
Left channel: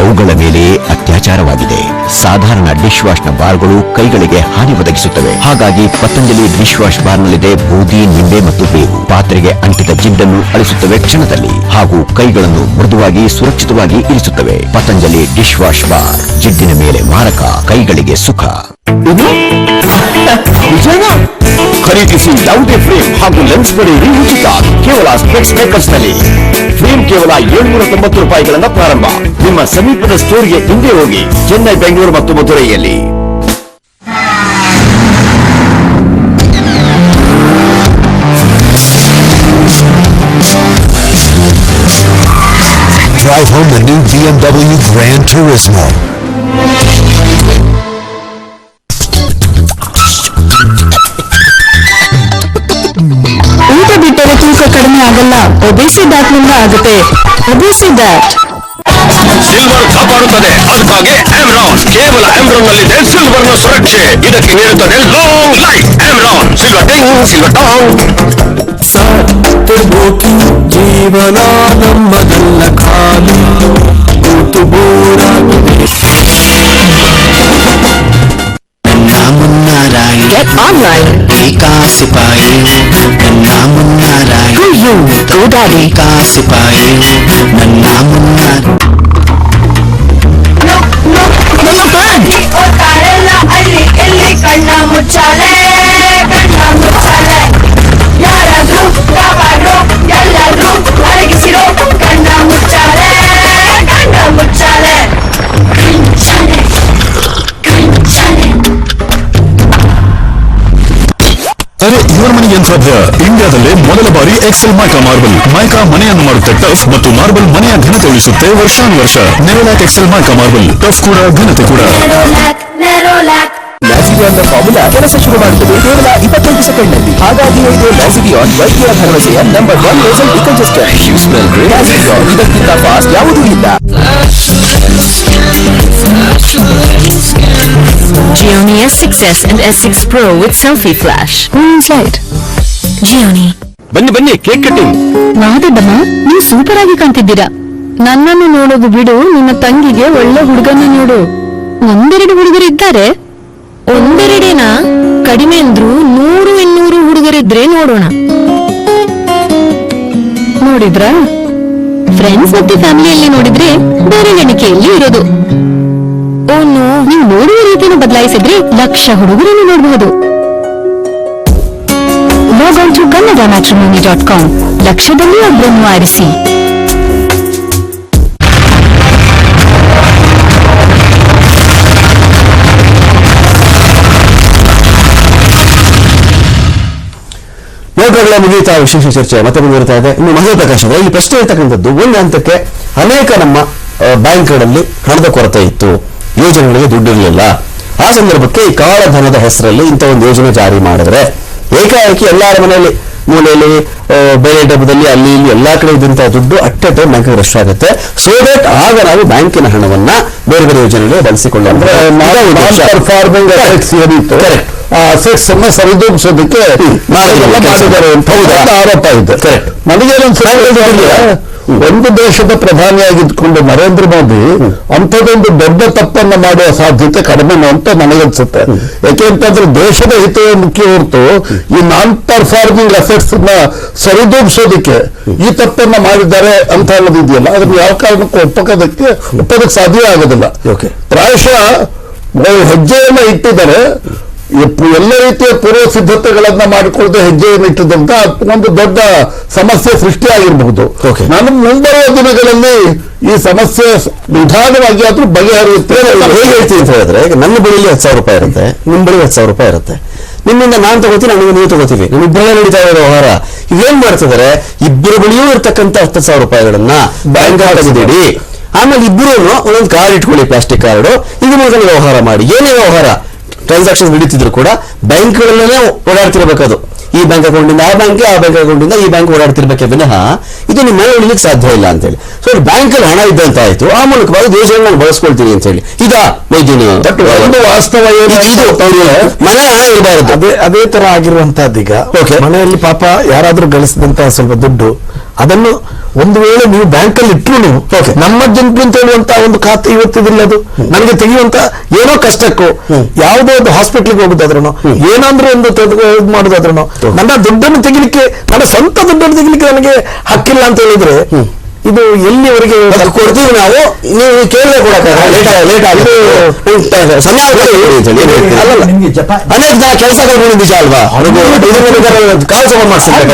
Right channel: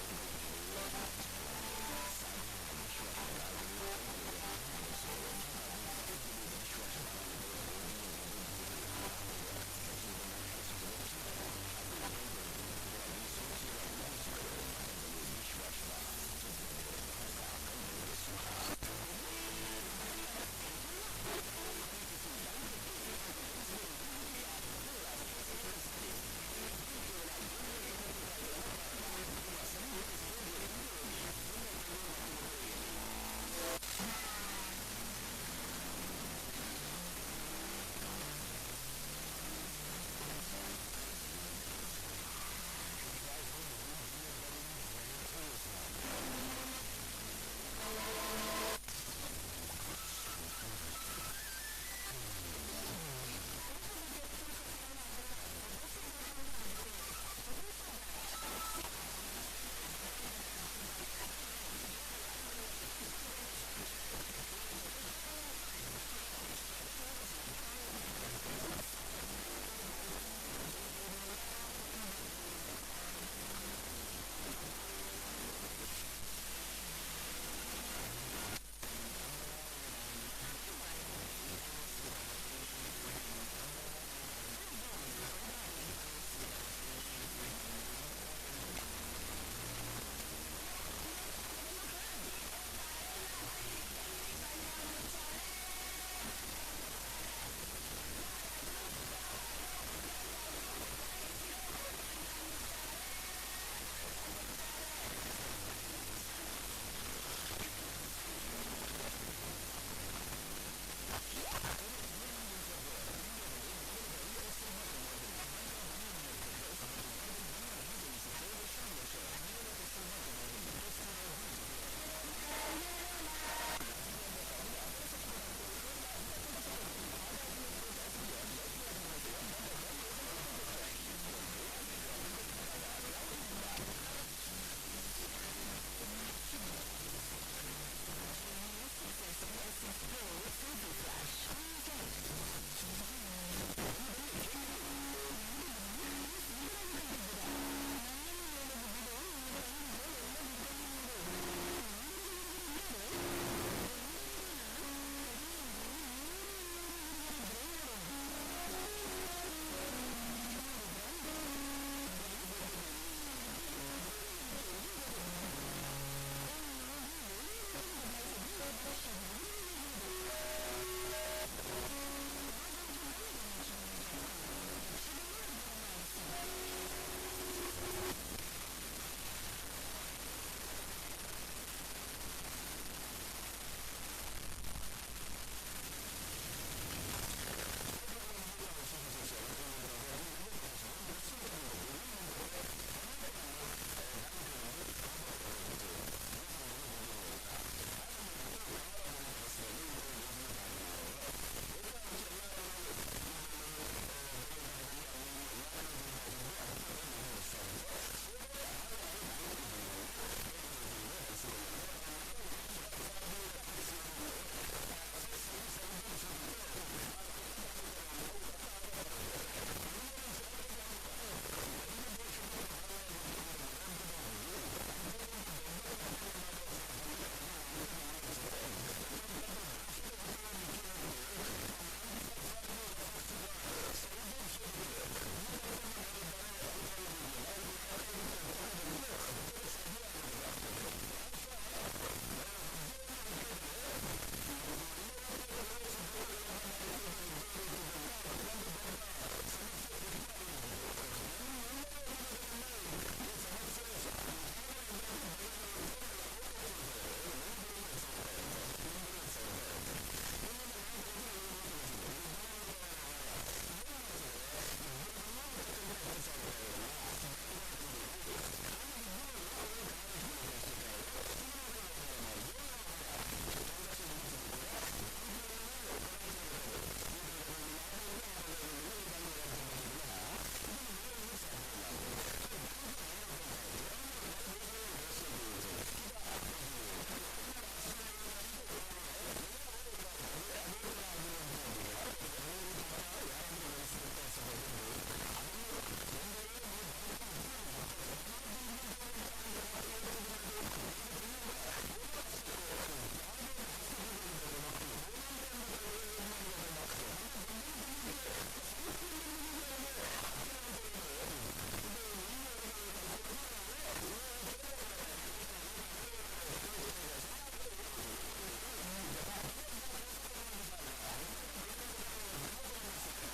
ಅವುಗಳ ಮೇಲೆ ಅತ್ಯಾಚಾರವಾಗಿದೆ. ಸಾಧಾರಣ ಡಿಶ್ ವಾಶ್ನ ಬಾರ್ಗಳು ಕೈಗಳಿಗೆ ಹಾನಿ ಒದಗಿಸುತ್ತವೆ. ಹಾಗಾಗಿ ಪತಂಜಲಿ ಡಿಶ್ ವಾಶ್ ಬಾರ್ನಲ್ಲಿದೆ ಬೂದಿ, ನಿಂಬೆ ಮತ್ತು ಬೇವು. ಪಾತ್ರೆಗೆ ಅಂಟಿದ ಜಿಡ್ಡನ್ನು ಅಳಿಸುತ್ತವೆ ಕ್ಷಣದಲ್ಲಿ. ಹಾಗೂ ಕೈಗಳನ್ನು ಮೃದುವಾಗಿ ಸುರಕ್ಷಿತವಾಗಿ ಇರಿಸುತ್ತವೆ. ಪತಂಜಲಿ ಡಿಶ್ ವಾಶ್ ಬಾರ್, ಜಿಡ್ಡಿನ ಮೇಲೆ ಮಾರಕ, ಕೈಗಳಿಗೆ ಸುಖ. ಖರೀದಿಸಿ ಯಾವುದೇ ಫ್ರೇಮ್ ಹಾಗೂ ಲೆನ್ಸ್ ಪಡೆಯಿರಿ ಉಚಿತ ಕೇವಲ ಸ್ಪೆಕ್ಸ್ ಮೇಕರ್ಸ್ನಲ್ಲಿ. ಫ್ರೇಮ್ ಕೇವಲ ಏಳ್ನೂರ ತೊಂಬತ್ತು ರೂಪಾಯಿಗಳನ್ನ ಪ್ರಾರಂಭ ನಿಮ್ಮ ಸಮೀಪದ ಸ್ಟೋರ್ಗೆ ಹಿಂದೆ ಹೋಗಿ, ಚೆನ್ನೈ, ಬೆಂಗಳೂರು ಮತ್ತು ಮಧುರೈಯಲ್ಲಿ Drive home the new BMW Gran Turismo. ಆಗಲ್ಲ. ಒಬೇಸಿ ನಿಂದ ಆಗುತ್ತೆ. ಒಬೇಸಿ ದಾಟ್. ಸಿಲ್ವರ್ ಕಾಪಾಡುತ್ತದೆ. ಅದಕ್ಕಾಗಿ ಆಮ್ರಾನ್ ಕೇವಲ ಆಮ್ರಾನ್ ನಲ್ಲಿದೆ ಸಿಲ್ವರ್ನ ಸುರಕ್ಷೆ. ಇದಕ್ಕೆ ನೀಡುತ್ತದೆ ಲಾಂಗ್ ಲೈಫ್ ಆಮ್ರಾನ್ ಸಿಲ್ವರ್ ಟಿಂಗ್ ಸಿಲ್ವರ್ ಟಾಂಗ್ ಜೀವನ ನಮ್ಮದಲ್ಲ ಖಾಲಿ ಕೂತು ಬೋರಾಗಿದೆ Get online. ಸಿಪಾಯಿ ನನ್ನ ಮುನ್ನಾರಾಯಿ For you, GoDaddy. ಕಾ ಸಿಪಾಯಿ ನನ್ನ ಮುನ್ನಾರ ಅಲ್ಲಿ ಎಲ್ಲಿ ಕಣ್ಣ ಮುಚ್ಚಾಲೆ ಕಣ್ಣ ಮುಚ್ಚಾಲೆ ಯಾರಾದ್ರೂ ಕಾಪಾಡ್ರು ಎಲ್ಲರೂ ಅಡಗಿಸಿರೋ ಕಣ್ಣ ಮುಚ್ಚಾಲೆ ಕಣ್ಣ ಮುಚ್ಚಾಲೆ ಅರೆ, ಇವರ ಮನೆಗೆ ಏನ್ ಸಾಧ್ಯ? ಇಂಡಿಯಾದಲ್ಲೇ ಮೊದಲ ಬಾರಿ ಎಕ್ಸೆಲ್ ಮೈಕಾ ಮಾರ್ಬಲ್ ಮೈಕಾ ಮನೆಯನ್ನು ಮಾಡುತ್ತೆ, ಟಫ್ ಮತ್ತು ಮಾರ್ಬಲ್ ಮನೆಯ ಘನತೆ ಉಳಿಸುತ್ತೆ ವರ್ಷಾನುವರ್ಷ. Nerolac Excel mica marble tough ಕೂಡ, ಘನತೆ ಕೂಡ. ಲ್ಯಾಸಿಡಿಯಾನ್ನ ಫಾರ್ಮುಲಾ ಕೆಲಸ ಶುರು ಮಾಡುತ್ತದೆ ಕೇವಲ ಇಪ್ಪತ್ತೈದು ಸೆಕೆಂಡ್ನಲ್ಲಿ ಹಾಗಾಗಿ ಇದು ಲ್ಯಾಸಿಡಿಯಾನ್ ವೈದ್ಯರ ಭರವಸೆಯ ನಂಬರ್ ಒನ್ ಲೇಸರ್ ಡಿಕಂಜೆಸ್ಟರ್ ಲ್ಯಾಸಿಡಿಯಾನ್ ಇದಕ್ಕಿಂತ ಫಾಸ್ಟ್ ಯಾವುದೂ ಇಲ್ಲ. Gioni S6s and S6 Pro with selfie flash. Moon's light. Gioni. ಬನ್ನಿ ಬನ್ನಿ ಕೇಕ್ ಕಟ್ಟಿಂಗ್ ಮಾದಡ್ಡಮ್ಮ ನೀವು ಸೂಪರ್ ಆಗಿ ಕಾಣ್ತಿದ್ದೀರಾ. ನನ್ನನ್ನು ನೋಡೋದು ಬಿಡು ನಿನ್ನ ತಂಗಿಗೆ ಒಳ್ಳೆ ಹುಡುಗನ ನೋಡು. ಒಂದೆರಡು ಹುಡುಗರಿದ್ದಾರೆ. ಒಂದೆರಡೇನಾ ಕಡಿಮೆ ಅಂದ್ರು ನೂರು ಇನ್ನೂರು ಹುಡುಗರಿದ್ರೆ ನೋಡೋಣ. ನೋಡಿದ್ರ? ಫ್ರೆಂಡ್ಸ್ ಮತ್ತೆ ಫ್ಯಾಮಿಲಿಯಲ್ಲಿ ನೋಡಿದ್ರೆ ಬೇರೆ ಎಣಿಕೆಯಲ್ಲಿ ಇರೋದು. ಓನು ನೀವು ನೋಡುವ ರೀತಿಯನ್ನು ಬದಲಾಯಿಸಿದ್ರೆ ಲಕ್ಷ ಹುಡುಗರನ್ನು ನೋಡಬಹುದು. ಕನ್ನಡ ಮ್ಯಾಟ್ರಿಮೋನಿ ಡಾಟ್ ಕಾಮ್ ಲಕ್ಷದಲ್ಲಿ ಒಬ್ಬರನ್ನು ಆರಿಸಿ. ನೋಟಗಳ ಮುಗಿಯುತ್ತಾ ವಿಶೇಷ ಚರ್ಚೆ ಮತ್ತೆ ಮುಂದುವರಿತಾ ಇದೆ ಇನ್ನು ಮಹೇಂದ್ರ ಪ್ರಕಾಶ್ ಅವರೇ, ಇಲ್ಲಿ ಪ್ರಶ್ನೆ ಇರ್ತಕ್ಕಂಥದ್ದು ಒಂದು ಹಂತಕ್ಕೆ ಅನೇಕ ನಮ್ಮ ಬ್ಯಾಂಕ್ಗಳಲ್ಲಿ ಹಣದ ಕೊರತೆ ಇತ್ತು ಯೋಜನೆಗಳಿಗೆ ದುಡ್ಡಿರಲಿಲ್ಲ ಆ ಸಂದರ್ಭಕ್ಕೆ ಈ ಕಾಳಧನದ ಹೆಸರಲ್ಲಿ ಇಂಥ ಒಂದು ಯೋಜನೆ ಜಾರಿ ಮಾಡಿದ್ರೆ ಏಕಾಏಕಿ ಎಲ್ಲರ ಮನೆಯಲ್ಲಿ ಮೂಲೆಯಲ್ಲಿ ಬೇರೆ ಡಬ್ಬದಲ್ಲಿ ಅಲ್ಲಿ ಇಲ್ಲಿ ಎಲ್ಲಾ ಕಡೆ ಇದ್ದಂತಹ ದುಡ್ಡು at a time bank rush ಆಗುತ್ತೆ ಸೊ ದಟ್ ಆಗ ನಾವು ಬ್ಯಾಂಕಿನ ಹಣವನ್ನ ಬೇರೆ ಬೇರೆ ಯೋಜನೆಗಳಿಗೆ ಬಳಸಿಕೊಳ್ಳೋಣ ಅಸೆಟ್ಸ್ ಅನ್ನ ಸರಿದೂಗಿಸೋದಕ್ಕೆ. ಇದೆಲ್ಲ ಮಾಡಿದ್ದಾರೆ ಅಂತ ಆರೋಪ ಇದೆ. ನನಗೆ ನನಗೇನೊಂದು ಒಂದು ದೇಶದ ಪ್ರಧಾನಿಯಾಗಿದ್ದುಕೊಂಡು ನರೇಂದ್ರ ಮೋದಿ ಅಂಥದ್ದೊಂದು ದೊಡ್ಡ ತಪ್ಪನ್ನ ಮಾಡುವ ಸಾಧ್ಯತೆ ಕಡಿಮೆನೋ ಅಂತ ನನಗನ್ಸುತ್ತೆ ಯಾಕೆಂತಂದ್ರೆ ದೇಶದ ಹಿತವೇ ಮುಖ್ಯ ಹೊರತು ಈ ನಾನ್ ಪರ್ಫಾರ್ಮಿಂಗ್ ಅಸೆಟ್ಸ್ನ ಸರಿದೂಗಿಸೋದಕ್ಕೆ ಈ ತಪ್ಪನ್ನ ಮಾಡಿದ್ದಾರೆ ಅಂತ ಅನ್ನೋದು ಇದೆಯಲ್ಲ ಅದನ್ನ ಯಾವ ಕಾರಣಕ್ಕೂ ಒಪ್ಪಕೋದಕ್ಕೆ ಒಪ್ಪೋದಕ್ಕೆ ಸಾಧ್ಯ ಆಗೋದಿಲ್ಲ. ಪ್ರಾಯಶಃ ಹೆಜ್ಜೆಯನ್ನು ಇಟ್ಟಿದ್ದಾರೆ ಎಲ್ಲ ರೀತಿಯ ಪೂರ್ವ ಸಿದ್ಧತೆಗಳನ್ನ ಮಾಡಿಕೊಳ್ಳದೆ ಹೆಜ್ಜೆಯನ್ನು ಇಟ್ಟಿದ್ದಂತ ಒಂದು ದೊಡ್ಡ ಸಮಸ್ಯೆ ಸೃಷ್ಟಿಯಾಗಿರಬಹುದು. ಆಗಿರ್ಬಹುದು ನಾನು ಮುಂಬರುವ ದಿನಗಳಲ್ಲಿ ಈ ಸಮಸ್ಯೆ ನಿಧಾನವಾಗಿ ಆದ್ರೂ ಬಗೆಹರಿಯುತ್ತೆ ಹೇಗೆ ಹೇಳ್ತೀನಿ ಅಂತ ಹೇಳಿದ್ರೆ ಈಗ ನನ್ನ ಬಳಿಯಲ್ಲಿ ಹತ್ತು ಸಾವಿರ ರೂಪಾಯಿ ಇರುತ್ತೆ ನಿಮ್ಮ ಬಳಿ ಹತ್ತು ಸಾವಿರ ರೂಪಾಯಿ ಇರುತ್ತೆ. ನಿಮ್ಮಿಂದ ನಾನು ತಗೋತೀನಿ ನನಗೆ ನೀವು ತಗೋತೀವಿ. ನಮ್ಮ ಇಬ್ಬರೇ ನಡೀತಾ ಇರೋ ವ್ಯವಹಾರ. ಇವೇನ್ ಏನ್ ಮಾಡ್ತಿದ್ದಾರೆ ಇಬ್ಬರ ಬಳಿಯೂ ಇರ್ತಕ್ಕಂಥ ಹತ್ತು ಸಾವಿರ ರೂಪಾಯಿಗಳನ್ನ ಬ್ಯಾಂಕ್ ತೆಗೆದಿಡಿ. ಆಮೇಲೆ ಇಬ್ಬರೂ ಒಂದೊಂದು ಕಾರ್ಡ್ ಇಟ್ಕೊಳ್ಳಿ ಪ್ಲಾಸ್ಟಿಕ್ ಕಾರ್ಡ್ ಇದು. ಮೂಲಕ ವ್ಯವಹಾರ ಮಾಡಿ. ಏನೇ ವ್ಯವಹಾರ? ಟ್ರಾನ್ಸಾಕ್ಷನ್ ನಡೀತಿದ್ರು ಕೂಡ ಬ್ಯಾಂಕ್ಗಳಲ್ಲೇ ಓಡಾಡ್ತಿರ್ಬೇಕದು. ಈ ಬ್ಯಾಂಕ್ ಅಕೌಂಟಿಂದ ಆ ಬ್ಯಾಂಕ್ ಆ ಬ್ಯಾಂಕ್ ಅಕೌಂಟಿಂದ ಈ ಬ್ಯಾಂಕ್ ಓಡಾಡ್ತಿರ್ಬೇಕೆ ವಿನಃ ಇದು ನಿಮ್ಮ ಮನೆ ಉಳಿಲಿಕ್ಕೆ ಸಾಧ್ಯ ಇಲ್ಲ ಅಂತೇಳಿ. ಸೊ ಬ್ಯಾಂಕಲ್ಲಿ ಹಣ ಇದ್ದಂತ ಆಯ್ತು ಆ ಮೂಲಕವಾಗಿ ದೇಶವನ್ನು ನಾನು ಬಳಸ್ಕೊಳ್ತೀನಿ ಅಂತ ಹೇಳಿ ಇದಾ ಒಂದು ವಾಸ್ತವ ಇದು ಮನೆ ಹಣ ಇರಬಾರದು. ಅದೇ ಅದೇ ತರ ಆಗಿರುವಂತಹದ್ದು ಈಗ ಮನೆಯಲ್ಲಿ ಪಾಪ ಯಾರಾದ್ರೂ ಗಳಿಸಿದಂತಹ ಸ್ವಲ್ಪ ದುಡ್ಡು ಅದನ್ನು ಒಂದು ವೇಳೆ ನೀವು ಬ್ಯಾಂಕಲ್ಲಿ ಇಟ್ಟರು ನೀವು ನಮ್ಮ ಜನಪ್ರಿ ಅಂತ ಹೇಳುವಂತ ಒಂದು ಖಾತೆ ಇವತ್ತಿದಿಲ್ಲ ಅದು. ನನಗೆ ತೆಗೆಯುವಂತ ಏನೋ ಕಷ್ಟಕ್ಕೂ ಯಾವುದೋ ಒಂದು ಹಾಸ್ಪಿಟ್ಲಿಗೆ ಹೋಗುದಾದ್ರೂ ಏನಾದ್ರೂ ಒಂದು ಇದು ಮಾಡುದಾದ್ರೂ ನನ್ನ ದುಡ್ಡನ್ನು ತೆಗಿಲಿಕ್ಕೆ ನನ್ನ ಸ್ವಂತ ದುಡ್ಡನ್ನು ತೆಗಿಲಿಕ್ಕೆ ನನಗೆ ಹಕ್ಕಿಲ್ಲ ಅಂತ ಹೇಳಿದ್ರೆ ಇದು ಎಲ್ಲಿವರೆಗೆ ಕೊಡ್ತೀವಿ ನಾವು ನೀವು ಕೇಳಿದ್ರೆ ಕೊಡಕ್ಕೆ ಸಮಯ ಅನೇಕ ಜನ ಕೆಲಸ ಕಳ್ಕೊಂಡು ನಿಜ ಅಲ್ವಾ? ಕಾಲ್ ಸಭೆ ಮಾಡಿಸ್ತಾರೆ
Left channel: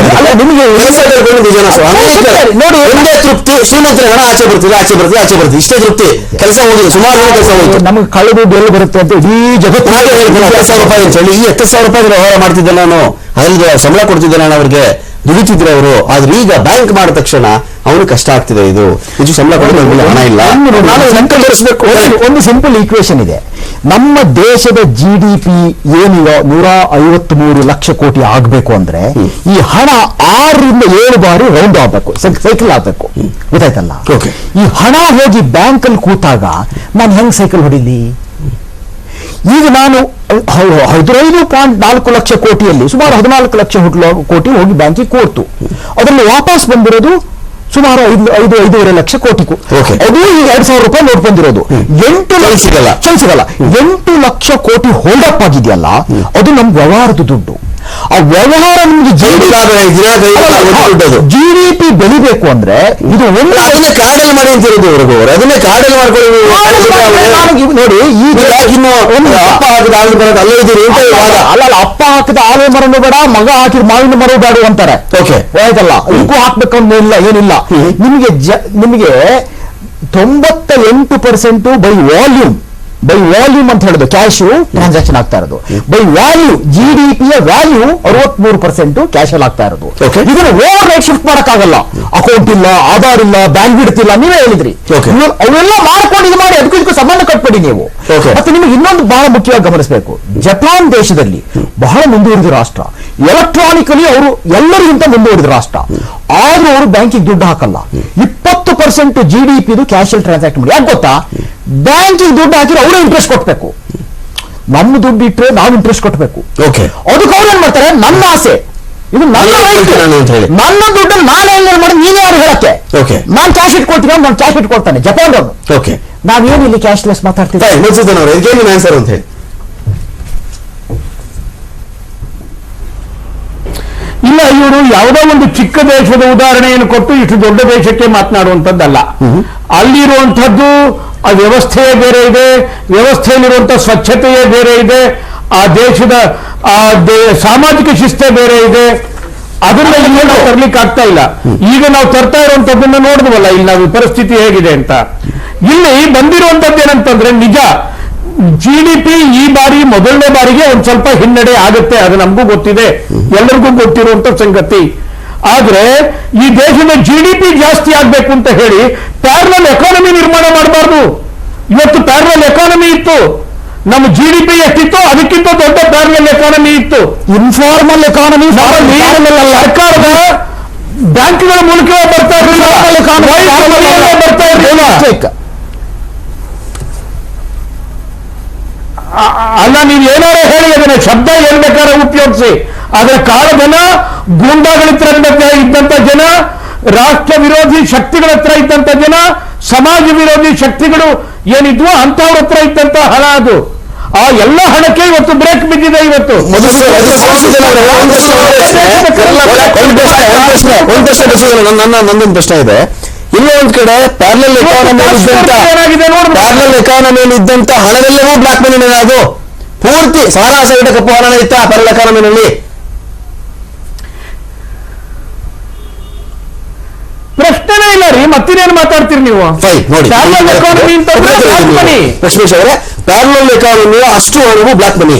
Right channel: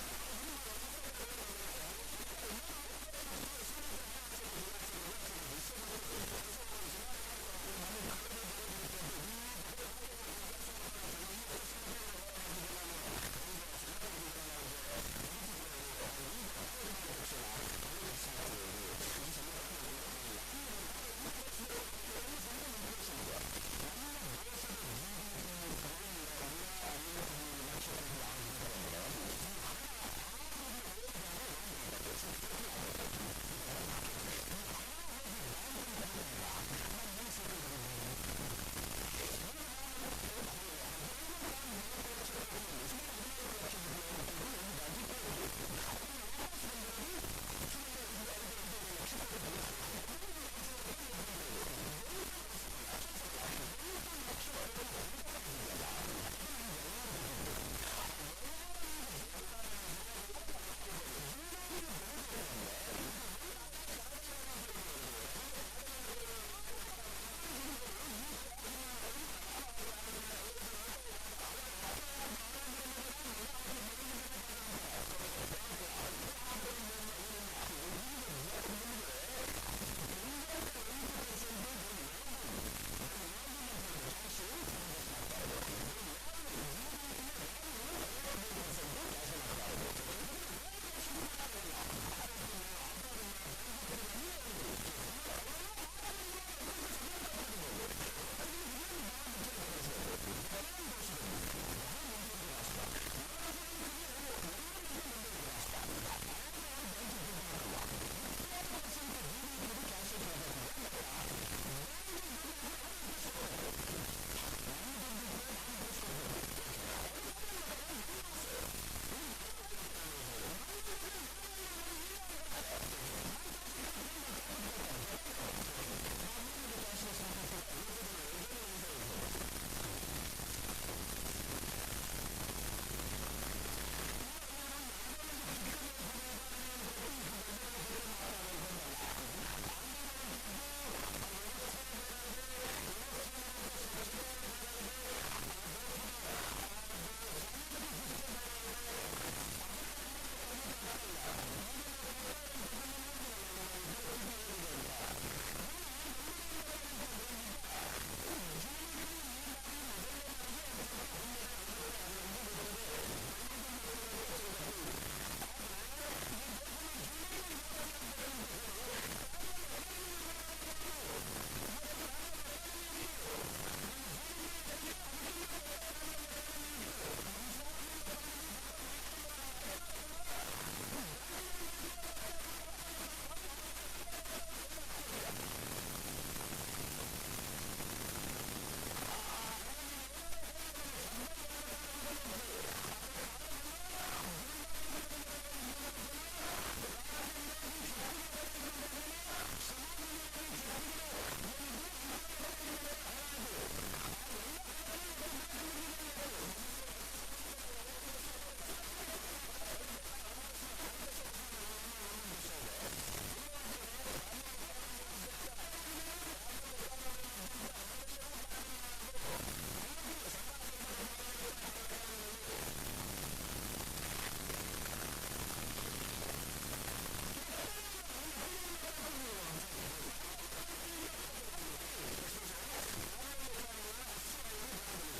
ನಿಮ್ಗೆ ಕೆಲಸ ಕಳ್ಕೊಂಡು ನಿಜ ನೋಡಿ. ನೋಡಿ ಒಂದೇ ತೃಪ್ತಿ ಶ್ರೀಮಂತರ ಹಣ ಆಚೆ ಬರ್ತೀವಿ ಆಚೆ ಬರ್ತೀವಿ ಆಚೆ ಬರ್ತೀವಿ ಇಷ್ಟೇ ತೃಪ್ತಿ. ಕೆಲಸ ಹೋಗಿದೆ ಸುಮಾರು ಜನ ಕೆಲಸ ಹೋಯ್ತು. ನಮಗೆ ಕಳೆದು ಬೆಲೆ ಬರುತ್ತೆ ಅಂತ ಇಡೀ ಜಗತ್ತು ಹತ್ತು ಸಾವಿರ ರೂಪಾಯಿ ಅಂತ ಹೇಳಿ ಈ ಹತ್ತು ಸಾವಿರ ರೂಪಾಯಿ ವ್ಯವಹಾರ ಮಾಡ್ತಿದ್ದೆ ನಾನು. ಅದ್ರಲ್ಲಿ ಸಂಬಳ ಕೊಡ್ತಿದ್ದೆ ನಾನು ಅವ್ರಿಗೆ. ದುಡಿತಿದ್ರು ಅವರು ಆದ್ರೆ ಈಗ ಬ್ಯಾಂಕ್ ಮಾಡಿದ ತಕ್ಷಣ ಅವನು ಕಷ್ಟ ಆಗ್ತಿದೆ ಇದು. ಇದು ಸಂಬಳ ಹಣ ಇಲ್ಲ. ಒಂದು ಸಿಂಪಲ್ ಈಕ್ವೇಶನ್ ಇದೆ. ನಮ್ಮ ದೇಶದ ಜಿ ಡಿ ಪಿ ಏನಿಲ್ಲ ನೂರ ಐವತ್ತ್ ಮೂರು ಲಕ್ಷ ಕೋಟಿ ಆಗ್ಬೇಕು ಅಂದ್ರೆ ಈ ಹಣ ಆರರಿಂದ ಏಳು ಬಾರಿ ರೌಂಡ್ ಆಗ್ಬೇಕು. ಸೈಕಲ್ ಆಗ್ಬೇಕು. ಗೊತ್ತಾಯ್ತಲ್ಲ. ಈ ಹಣ ಹೋಗಿ ಬ್ಯಾಂಕ್ ಅಲ್ಲಿ ಕೂತಾಗ ನಾನು ಹೆಂಗ್ ಸೈಕಲ್ ಹೊಡಿಲಿ? ಈಗ ನಾನು ಹದಿನೈದು ಪಾಯಿಂಟ್ ನಾಲ್ಕು ಲಕ್ಷ ಕೋಟಿಯಲ್ಲಿ ಸುಮಾರು ಹದಿನಾಲ್ಕು ಲಕ್ಷ ಕೋಟಿ ಹೋಗಿ ಬ್ಯಾಂಕಿಗೆ ಕೊಡ್ತು. ಅದನ್ನು ವಾಪಸ್ ಬಂದಿರೋದು ಸುಮಾರು ಐದು ಐದು ಐದೂವರೆ ಲಕ್ಷ ಕೋಟಿ ಓಕೆ. ಅದು ಈಗ ಎರಡ್ ಸಾವಿರ ರೂಪಾಯಿ ನೋಟ್ ಬಂದಿರೋದು. ಎಂಟು ಲಕ್ಷ ಸಿಗಲ್ಲ. ಸಿಗಲ್ಲ ಎಂಟು ಲಕ್ಷ ಕೋಟಿ ಹೋಲ್ಡ್ ಅಪ್ ಆಗಿದೆಯಲ್ಲ ಅದು ನಮ್ ವ್ಯವಹಾರದ ದುಡ್ಡು. ಆ ವ್ಯವಹಾರ ನಿಮ್ಗೆ ಜಿಡಿಪಿ ಜಿ ಡಿ ಪಿ ಬೆಳಿಬೇಕು ಅಂದ್ರೆ ಇದು ಒಂದು ಅದನ್ನೇ ಕಾಡಲ್ಲಿ ಮಾಡಿ ಅಂತ ಹೇಳಿದ್ರು ಅವ್ರಿಗೆ ಅವರು. ಅದನ್ನೇ ಕಾಡಲ್ಲಿ ಮಾಡ್ಕೊಳ್ಳಿ ನೋಡಿ ಈಗ ಇನ್ನು ಒಂದು ಅಪ್ಪ ಹಾಕಿದ ಆಲೂ ಮರ ಅಲ್ಲೇ ಇದ್ದೀರಿ ಅಲ್ಲ ಅಲ್ಲ ಅಪ್ಪ ಹಾಕಿದ ಆಲೇ ಮರನು ಬೇಡ ಮಗ ಹಾಕಿದ ಮಾವಿನ ಮರ ಬೇಡ ಅಂತಾರೆ. ಓಕೆ ಆಯ್ತಲ್ಲ? ಇದಕ್ಕೂ ಹಾಕ್ಬೇಕು ಅಂತ ಇಲ್ಲ ಏನಿಲ್ಲ. ನಿಮಗೆ ನಿಮಗೆ ತೊಂಬತ್ತ ಎಂಟು percent by volume by volume ಅಂತ ಹೇಳೋದು ಕ್ಯಾಶು ಟ್ರಾನ್ಸಾಕ್ಷನ್ ಆಗ್ತಾ ಇರೋದು. ಬೈ ವ್ಯಾಲ್ಯೂ ಜಿ ಡಿ ಪಿಯ ವ್ಯಾಲ್ಯೂ ಅರವತ್ಮೂರು ಪರ್ಸೆಂಟ್ ಕ್ಯಾಶ್ ಅಲ್ಲಿ ಆಗ್ತಾ ಇರೋದು. ಓಕೆ ಇದನ್ನ ಓವರ್ ನೈಟ್ ಶಿಫ್ಟ್ ಮಾಡಕ್ಕಾಗಲ್ಲ. ಅಕೌಂಟ್ ಇಲ್ಲ ಆಧಾರ್ ಇಲ್ಲ ಬ್ಯಾಂಕ್ ಬಿಡ್ತಿಲ್ಲ ನೀವೇ ಹೇಳಿದ್ರಿ. ಅವೆಲ್ಲ ಮಾಡ್ಕೊಂಡು ಇದು ಮಾಡಿ ಅದಕ್ಕೂ ಇದಕ್ಕೂ ಸಂಬಂಧ ಕಟ್ಬೇಡಿ ನೀವು. ಮತ್ತೆ ನಿಮಗೆ ಇನ್ನೊಂದು ಬಹಳ ಮುಖ್ಯವಾಗಿ ಗಮನಿಸಬೇಕು. ಜಪಾನ್ ದೇಶದಲ್ಲಿ ಬಹಳ ಮುಂದುವರಿದ ರಾಷ್ಟ್ರ. ಎಲೆಕ್ಟ್ರಾನಿಕಲಿ ಅವರು ಎಲ್ಲರಿಗಿಂತ ಮುಂದುವರಿದ ರಾಷ್ಟ್ರ. ಆದ್ರೂ ಅವರು ಬ್ಯಾಂಕಿಗೆ ದುಡ್ಡು ಹಾಕಲ್ಲ. ಇಪ್ಪತ್ತು percent G D P cash ಅಲ್ಲಿ ಟ್ರಾನ್ಸಾಕ್ಟ್ ಮಾಡಿ. ಯಾಕೆ ಗೊತ್ತಾ? ಬ್ಯಾಂಕಿಗೆ ದುಡ್ಡು ಹಾಕಿದ್ರೆ ಅವರೇ ಇಂಟ್ರೆಸ್ಟ್ ಕೊಟ್ಬೇಕು. ನಮ್ಮ ದುಡ್ಡು ಇಟ್ಟರೆ ನಾವು ಇಂಟ್ರೆಸ್ಟ್ ಕೊಟ್ಬೇಕು. ಓಕೆ ಅದಕ್ಕೆ ಅವ್ರು ಏನ್ ಮಾಡ್ತಾರೆ? ನನ್ನ ಆಸೆ. ಇದು ನನ್ನ right. ನನ್ನ ದುಡ್ಡು ನಾನು ಹೆಂಗ್ ಮಾಡಿ ನೀವೇ ಯಾರು ಹೇಳಕ್ಕೆ. Okay. ನಾನು ಕ್ಯಾಶ್ ಇಟ್ಕೊಳ್ತೀನಿ ನಾನು ಕ್ಯಾಶ್ ಇಟ್ಕೊಳ್ತಾನೆ. ಜಪಾನ್ ಅವರು ಓಕೆ ನಾವೇನು ಇಲ್ಲಿ ಕ್ಯಾಶ್ಲೆಸ್ ಮಾತಾಡ್ತೀವಿ ಫೈನ್ ಮುನ್ಸೂಚನ್ ಅವರು. ಇದಕ್ಕೆ ನಿಮ್ಮ ಆನ್ಸರ್ ಅಂತ ಹೇಳಿ. ಇಲ್ಲ ಇವರು ಯಾವುದೋ ಒಂದು ಚಿಕ್ಕ ದೇಶದ ಉದಾಹರಣೆಯನ್ನು ಕೊಟ್ಟು ಇಷ್ಟು ದೊಡ್ಡ ದೇಶಕ್ಕೆ ಮಾತನಾಡುವಂಥದ್ದಲ್ಲ. ಅಲ್ಲಿರುವಂಥದ್ದು ಆ ವ್ಯವಸ್ಥೆಯೇ ಬೇರೆ ಇದೆ ವ್ಯವಸ್ಥೆಯಲ್ಲಿರುವಂಥ ಸ್ವಚ್ಛತೆಯೇ ಬೇರೆ ಇದೆ, ಆ ದೇಶದ, ಆ ಸಾಮಾಜಿಕ ಶಿಸ್ತೆ ಬೇರೆ ಇದೆ. ಅದನ್ನ ಇಲ್ಲಿ ನಾವು ತರ್ಲಿಕ್ಕೆ ಆಗ್ತಾ ಇಲ್ಲ. ಈಗ ನಾವು ತರ್ತಾ ಇರುವಂತದ್ದನ್ನ ನೋಡಿದ್ವಲ್ಲ, ಇಲ್ಲಿ ನಾವು ಪರಿಸ್ಥಿತಿ ಹೇಗಿದೆ ಅಂತ. ಇಲ್ಲಿ ಬಂದಿರುವಂತದ್ದು ಏನಂತಂದ್ರೆ ನಿಜ ಜಿ ಡಿ ಪಿ ಈ ಬಾರಿ ಮೊದಲನೇ ಬಾರಿಗೆ ಒಂದ್ ಸ್ವಲ್ಪ ಹಿನ್ನಡೆ ಆಗುತ್ತೆ, ಅದು ನಮಗೂ ಗೊತ್ತಿದೆ. ಎಲ್ಲರಿಗೂ ಗೊತ್ತಿರುವಂತ ಸಂಗತಿ. ಆದ್ರೆ ಈ ದೇಶದ ಜಿ ಡಿ ಪಿ ಜಾಸ್ತಿ ಆಗ್ಬೇಕು ಅಂತ ಹೇಳಿ ಪ್ಯಾರಲಲ್ ಎಕಾನಮಿ ನಿರ್ಮಾಣ ಮಾಡಬಾರ್ದು. ಇವತ್ತು ಪ್ಯಾರಲಲ್ ಎಕಾನಮಿ ಇತ್ತು. ನಮ್ಮ ಜಿ ಡಿ ಪಿ ಎಷ್ಟಿತ್ತು ಅದಕ್ಕಿಂತ ದೊಡ್ಡ ಪ್ಯಾರಲಲ್ ಎಕಾನಮಿ ಇತ್ತು. ಇನ್ಫಾರ್ಮಲ್ ಎಕಾನಮಿ ಸರ್ಕಾರದ ಬ್ಯಾಂಕ್ಗಳ ಮೂಲಕ ಬರ್ತಾ ಇರಲಿಲ್ಲ. ಬರ್ತಾ ಇರಲಿಲ್ಲ. ಅಲ್ಲ ನೀವು ಏನಾರ ಹೇಳಿ ಅದನ್ನ ಶಬ್ದ ಹೇಳ್ಬೇಕಾದ್ರೆ ಬೇಕಾದ್ರೆ ಉಪಯೋಗಿಸಿ. ಆದ್ರೆ ಕಾಳಧನ ಗೂಂಡಾಗಳ ಹತ್ರ ಇದ್ದಂತ ಜನ ರಾಷ್ಟ್ರ ವಿರೋಧಿ ಶಕ್ತಿಗಳ ಹತ್ರ ಇದ್ದಂತ ಜನ ಸಮಾಜ ವಿರೋಧಿ ಶಕ್ತಿಗಳು ಏನಿದ್ವು ಅಂತವ್ರ ಹತ್ರ ಇದ್ದಂತ ಹಣ ಅದು. ಆ ಎಲ್ಲ ಹಣಕ್ಕೆ ಇವತ್ತು ಬ್ರೇಕ್ ಬಿದ್ದಿದೆ ಇವತ್ತು. ನನ್ನ ನಂದೊಂದು ಪ್ರಶ್ನೆ ಇದೆ. ಇಲ್ಲೇ ಒಂದ್ ಕಡೆ ಪ್ಯಾರಲಲ್ ಎಕಾನಮಿ. ಪ್ಯಾರಲಲ್ ಎಕಾನಮಿಯಲ್ಲಿ ಇದ್ದಂತ ಹಣದಲ್ಲೇ ಬ್ಲಾಕ್ ಮನಿ ಅದು. ಪೂರ್ತಿ ಸಾರಾ ಕಪ್ಪು ಹಣ ಇತ್ತ ಪ್ಯಾರಲ್ ಎಕಾನಮಿನಲ್ಲಿ ಪ್ರಶ್ನೆನೇ ಇಲ್ಲ ರೀ ಮತ್ತಿನೇನು ಮಾತಾಡ್ತೀರಿ ನೀವು? ಲಕ್ಷ್ಮೇಶ್ ಅವರೇ ಪ್ಯಾರಲಲ್ ಎಕಾನಮಿ ಅಷ್ಟು ಹಣವು ಬ್ಲಾಕ್ ಮನಿ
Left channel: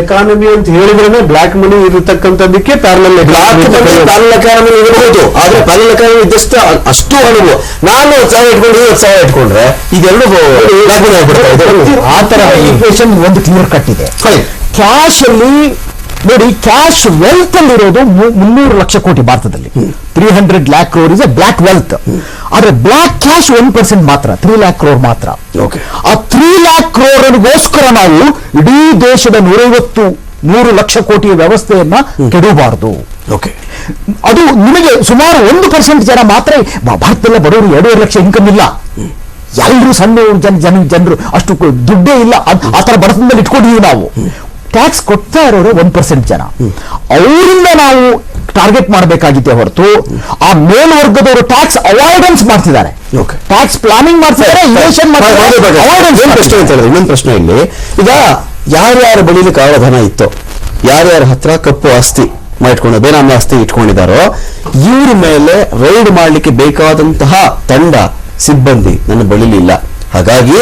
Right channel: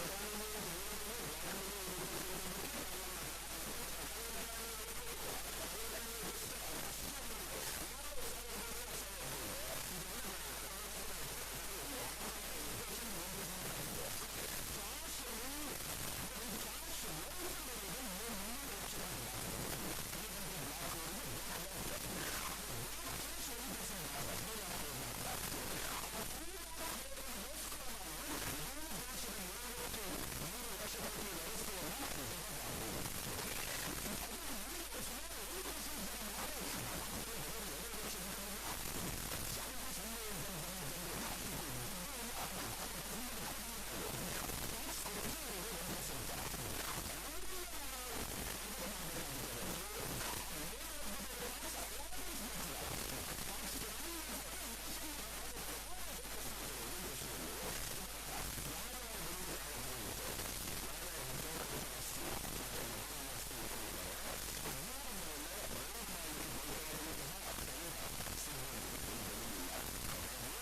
ಎಕಾನಮಿ ಅಂತ ಹೇಳಿದ್ರೆ black money ಇರತಕ್ಕಂಥದ್ದಕ್ಕೆ parallel black money parallel economy ಇರಬಹುದು. ಆದ್ರೆ ಪ್ಯಾರಲ್ ಎಕಾನಮಿ ಇದ್ದಷ್ಟು ಅಷ್ಟು ಹಣವು ನಾನು ಹತ್ತು ಸಾವಿರ ಇಟ್ಕೊಂಡು ಇವತ್ತು ಸಾವಿರ ಇಟ್ಕೊಂಡ್ರೆ ಇದೆರಡು ಬ್ಲಾಕ್ ಮನಿ ಆಗ್ಬಿಡ್ತಾ ಇದೆ. ಆ ತರ ಈಕ್ವೇಶನ್ ಒಂದು ಕ್ಲಿಯರ್ ಕಟ್ ಇದೆ. ಕ್ಯಾಶ್ ಅಲ್ಲಿ ನೋಡಿ ಕ್ಯಾಶ್ ವೆಲ್ತ್ ಅಲ್ಲಿ ಇರೋದು ಮು- ಮುನ್ನೂರು ಲಕ್ಷ ಕೋಟಿ ಭಾರತದಲ್ಲಿ. Three hundred lakh crore is a black wealth ಆದ್ರೆ ಬ್ಲಾಕ್ ಕ್ಯಾಶ್ ಒನ್ ಪರ್ಸೆಂಟ್ ಮಾತ್ರ ತ್ರೀ ಲ್ಯಾಕ್ ಕ್ರೋರ್ ಮಾತ್ರ. ಆ ತ್ರೀ ಲ್ಯಾಕ್ ಕ್ರೋರ್ಗೋಸ್ಕರ ನಾವು ಇಡೀ ದೇಶದ ನೂರೈವತ್ತು ನೂರು ಲಕ್ಷ ಕೋಟಿಯ ವ್ಯವಸ್ಥೆಯನ್ನ ಕೆಡಬಾರದು ಓಕೆ. ಅದು ನಿಮಗೆ ಸುಮಾರು ಒಂದು ಪರ್ಸೆಂಟ್ ಜನ ಮಾತ್ರ ಭಾರತದಲ್ಲಿ ಬಡವರು ಎರಡೂವರೆ ಲಕ್ಷ ಇನ್ಕಮ್ ಇಲ್ಲ. ಎಲ್ಲರೂ ಸಣ್ಣ ಜನ ಜನ ಜನರು ಅಷ್ಟು ದುಡ್ಡೇ ಇಲ್ಲ. ಆತರ ಆ ತರ ಬಡತನದಲ್ಲಿ ಇಟ್ಕೊಂಡಿದ್ದೀವಿ ನಾವು. ಟ್ಯಾಕ್ಸ್ ಕೊಡ್ತಾ ಇರೋರು ಒನ್ ಪರ್ಸೆಂಟ್ ಜನ. ಅವರಿಂದ ನಾವು ಟಾರ್ಗೆಟ್ ಮಾಡಬೇಕಾಗಿದೆ ಹೊರತು ಆ ಮೇಲ್ವರ್ಗದವರು ಟ್ಯಾಕ್ಸ್ ಅವಾಯ್ಡೆನ್ಸ್ ಮಾಡ್ತಿದ್ದಾರೆ. ಟ್ಯಾಕ್ಸ್ ಪ್ಲಾನಿಂಗ್ ಮಾಡ್ತಿದ್ದಾರೆ ಪ್ರಶ್ನೆ ಅಂತ ಹೇಳಿದ್ರೆ ಇನ್ನೊಂದು ಪ್ರಶ್ನೆ ಇಲ್ಲಿ. ಈಗ ಯಾರ್ಯಾರ ಬಳಿಲಿ ಕಾಳಧನ ಇತ್ತು ಯಾರ್ಯಾರ ಹತ್ರ ಕಪ್ಪು ಆಸ್ತಿ ಮಾಡಿಟ್ಕೊಂಡು ಬೇನಾಮಿ ಆಸ್ತಿ ಇಟ್ಕೊಂಡಿದ್ದಾರೋ ಇವ್ರ ಮೇಲೆ ರೈಡ್ ಮಾಡಲಿಕ್ಕೆ ಬೇಕಾದಂತಹ ತಂಡ ಸಿಬ್ಬಂದಿ ನನ್ನ ಬಳಿಲಿಲ್ಲ ಹಾಗಾಗಿ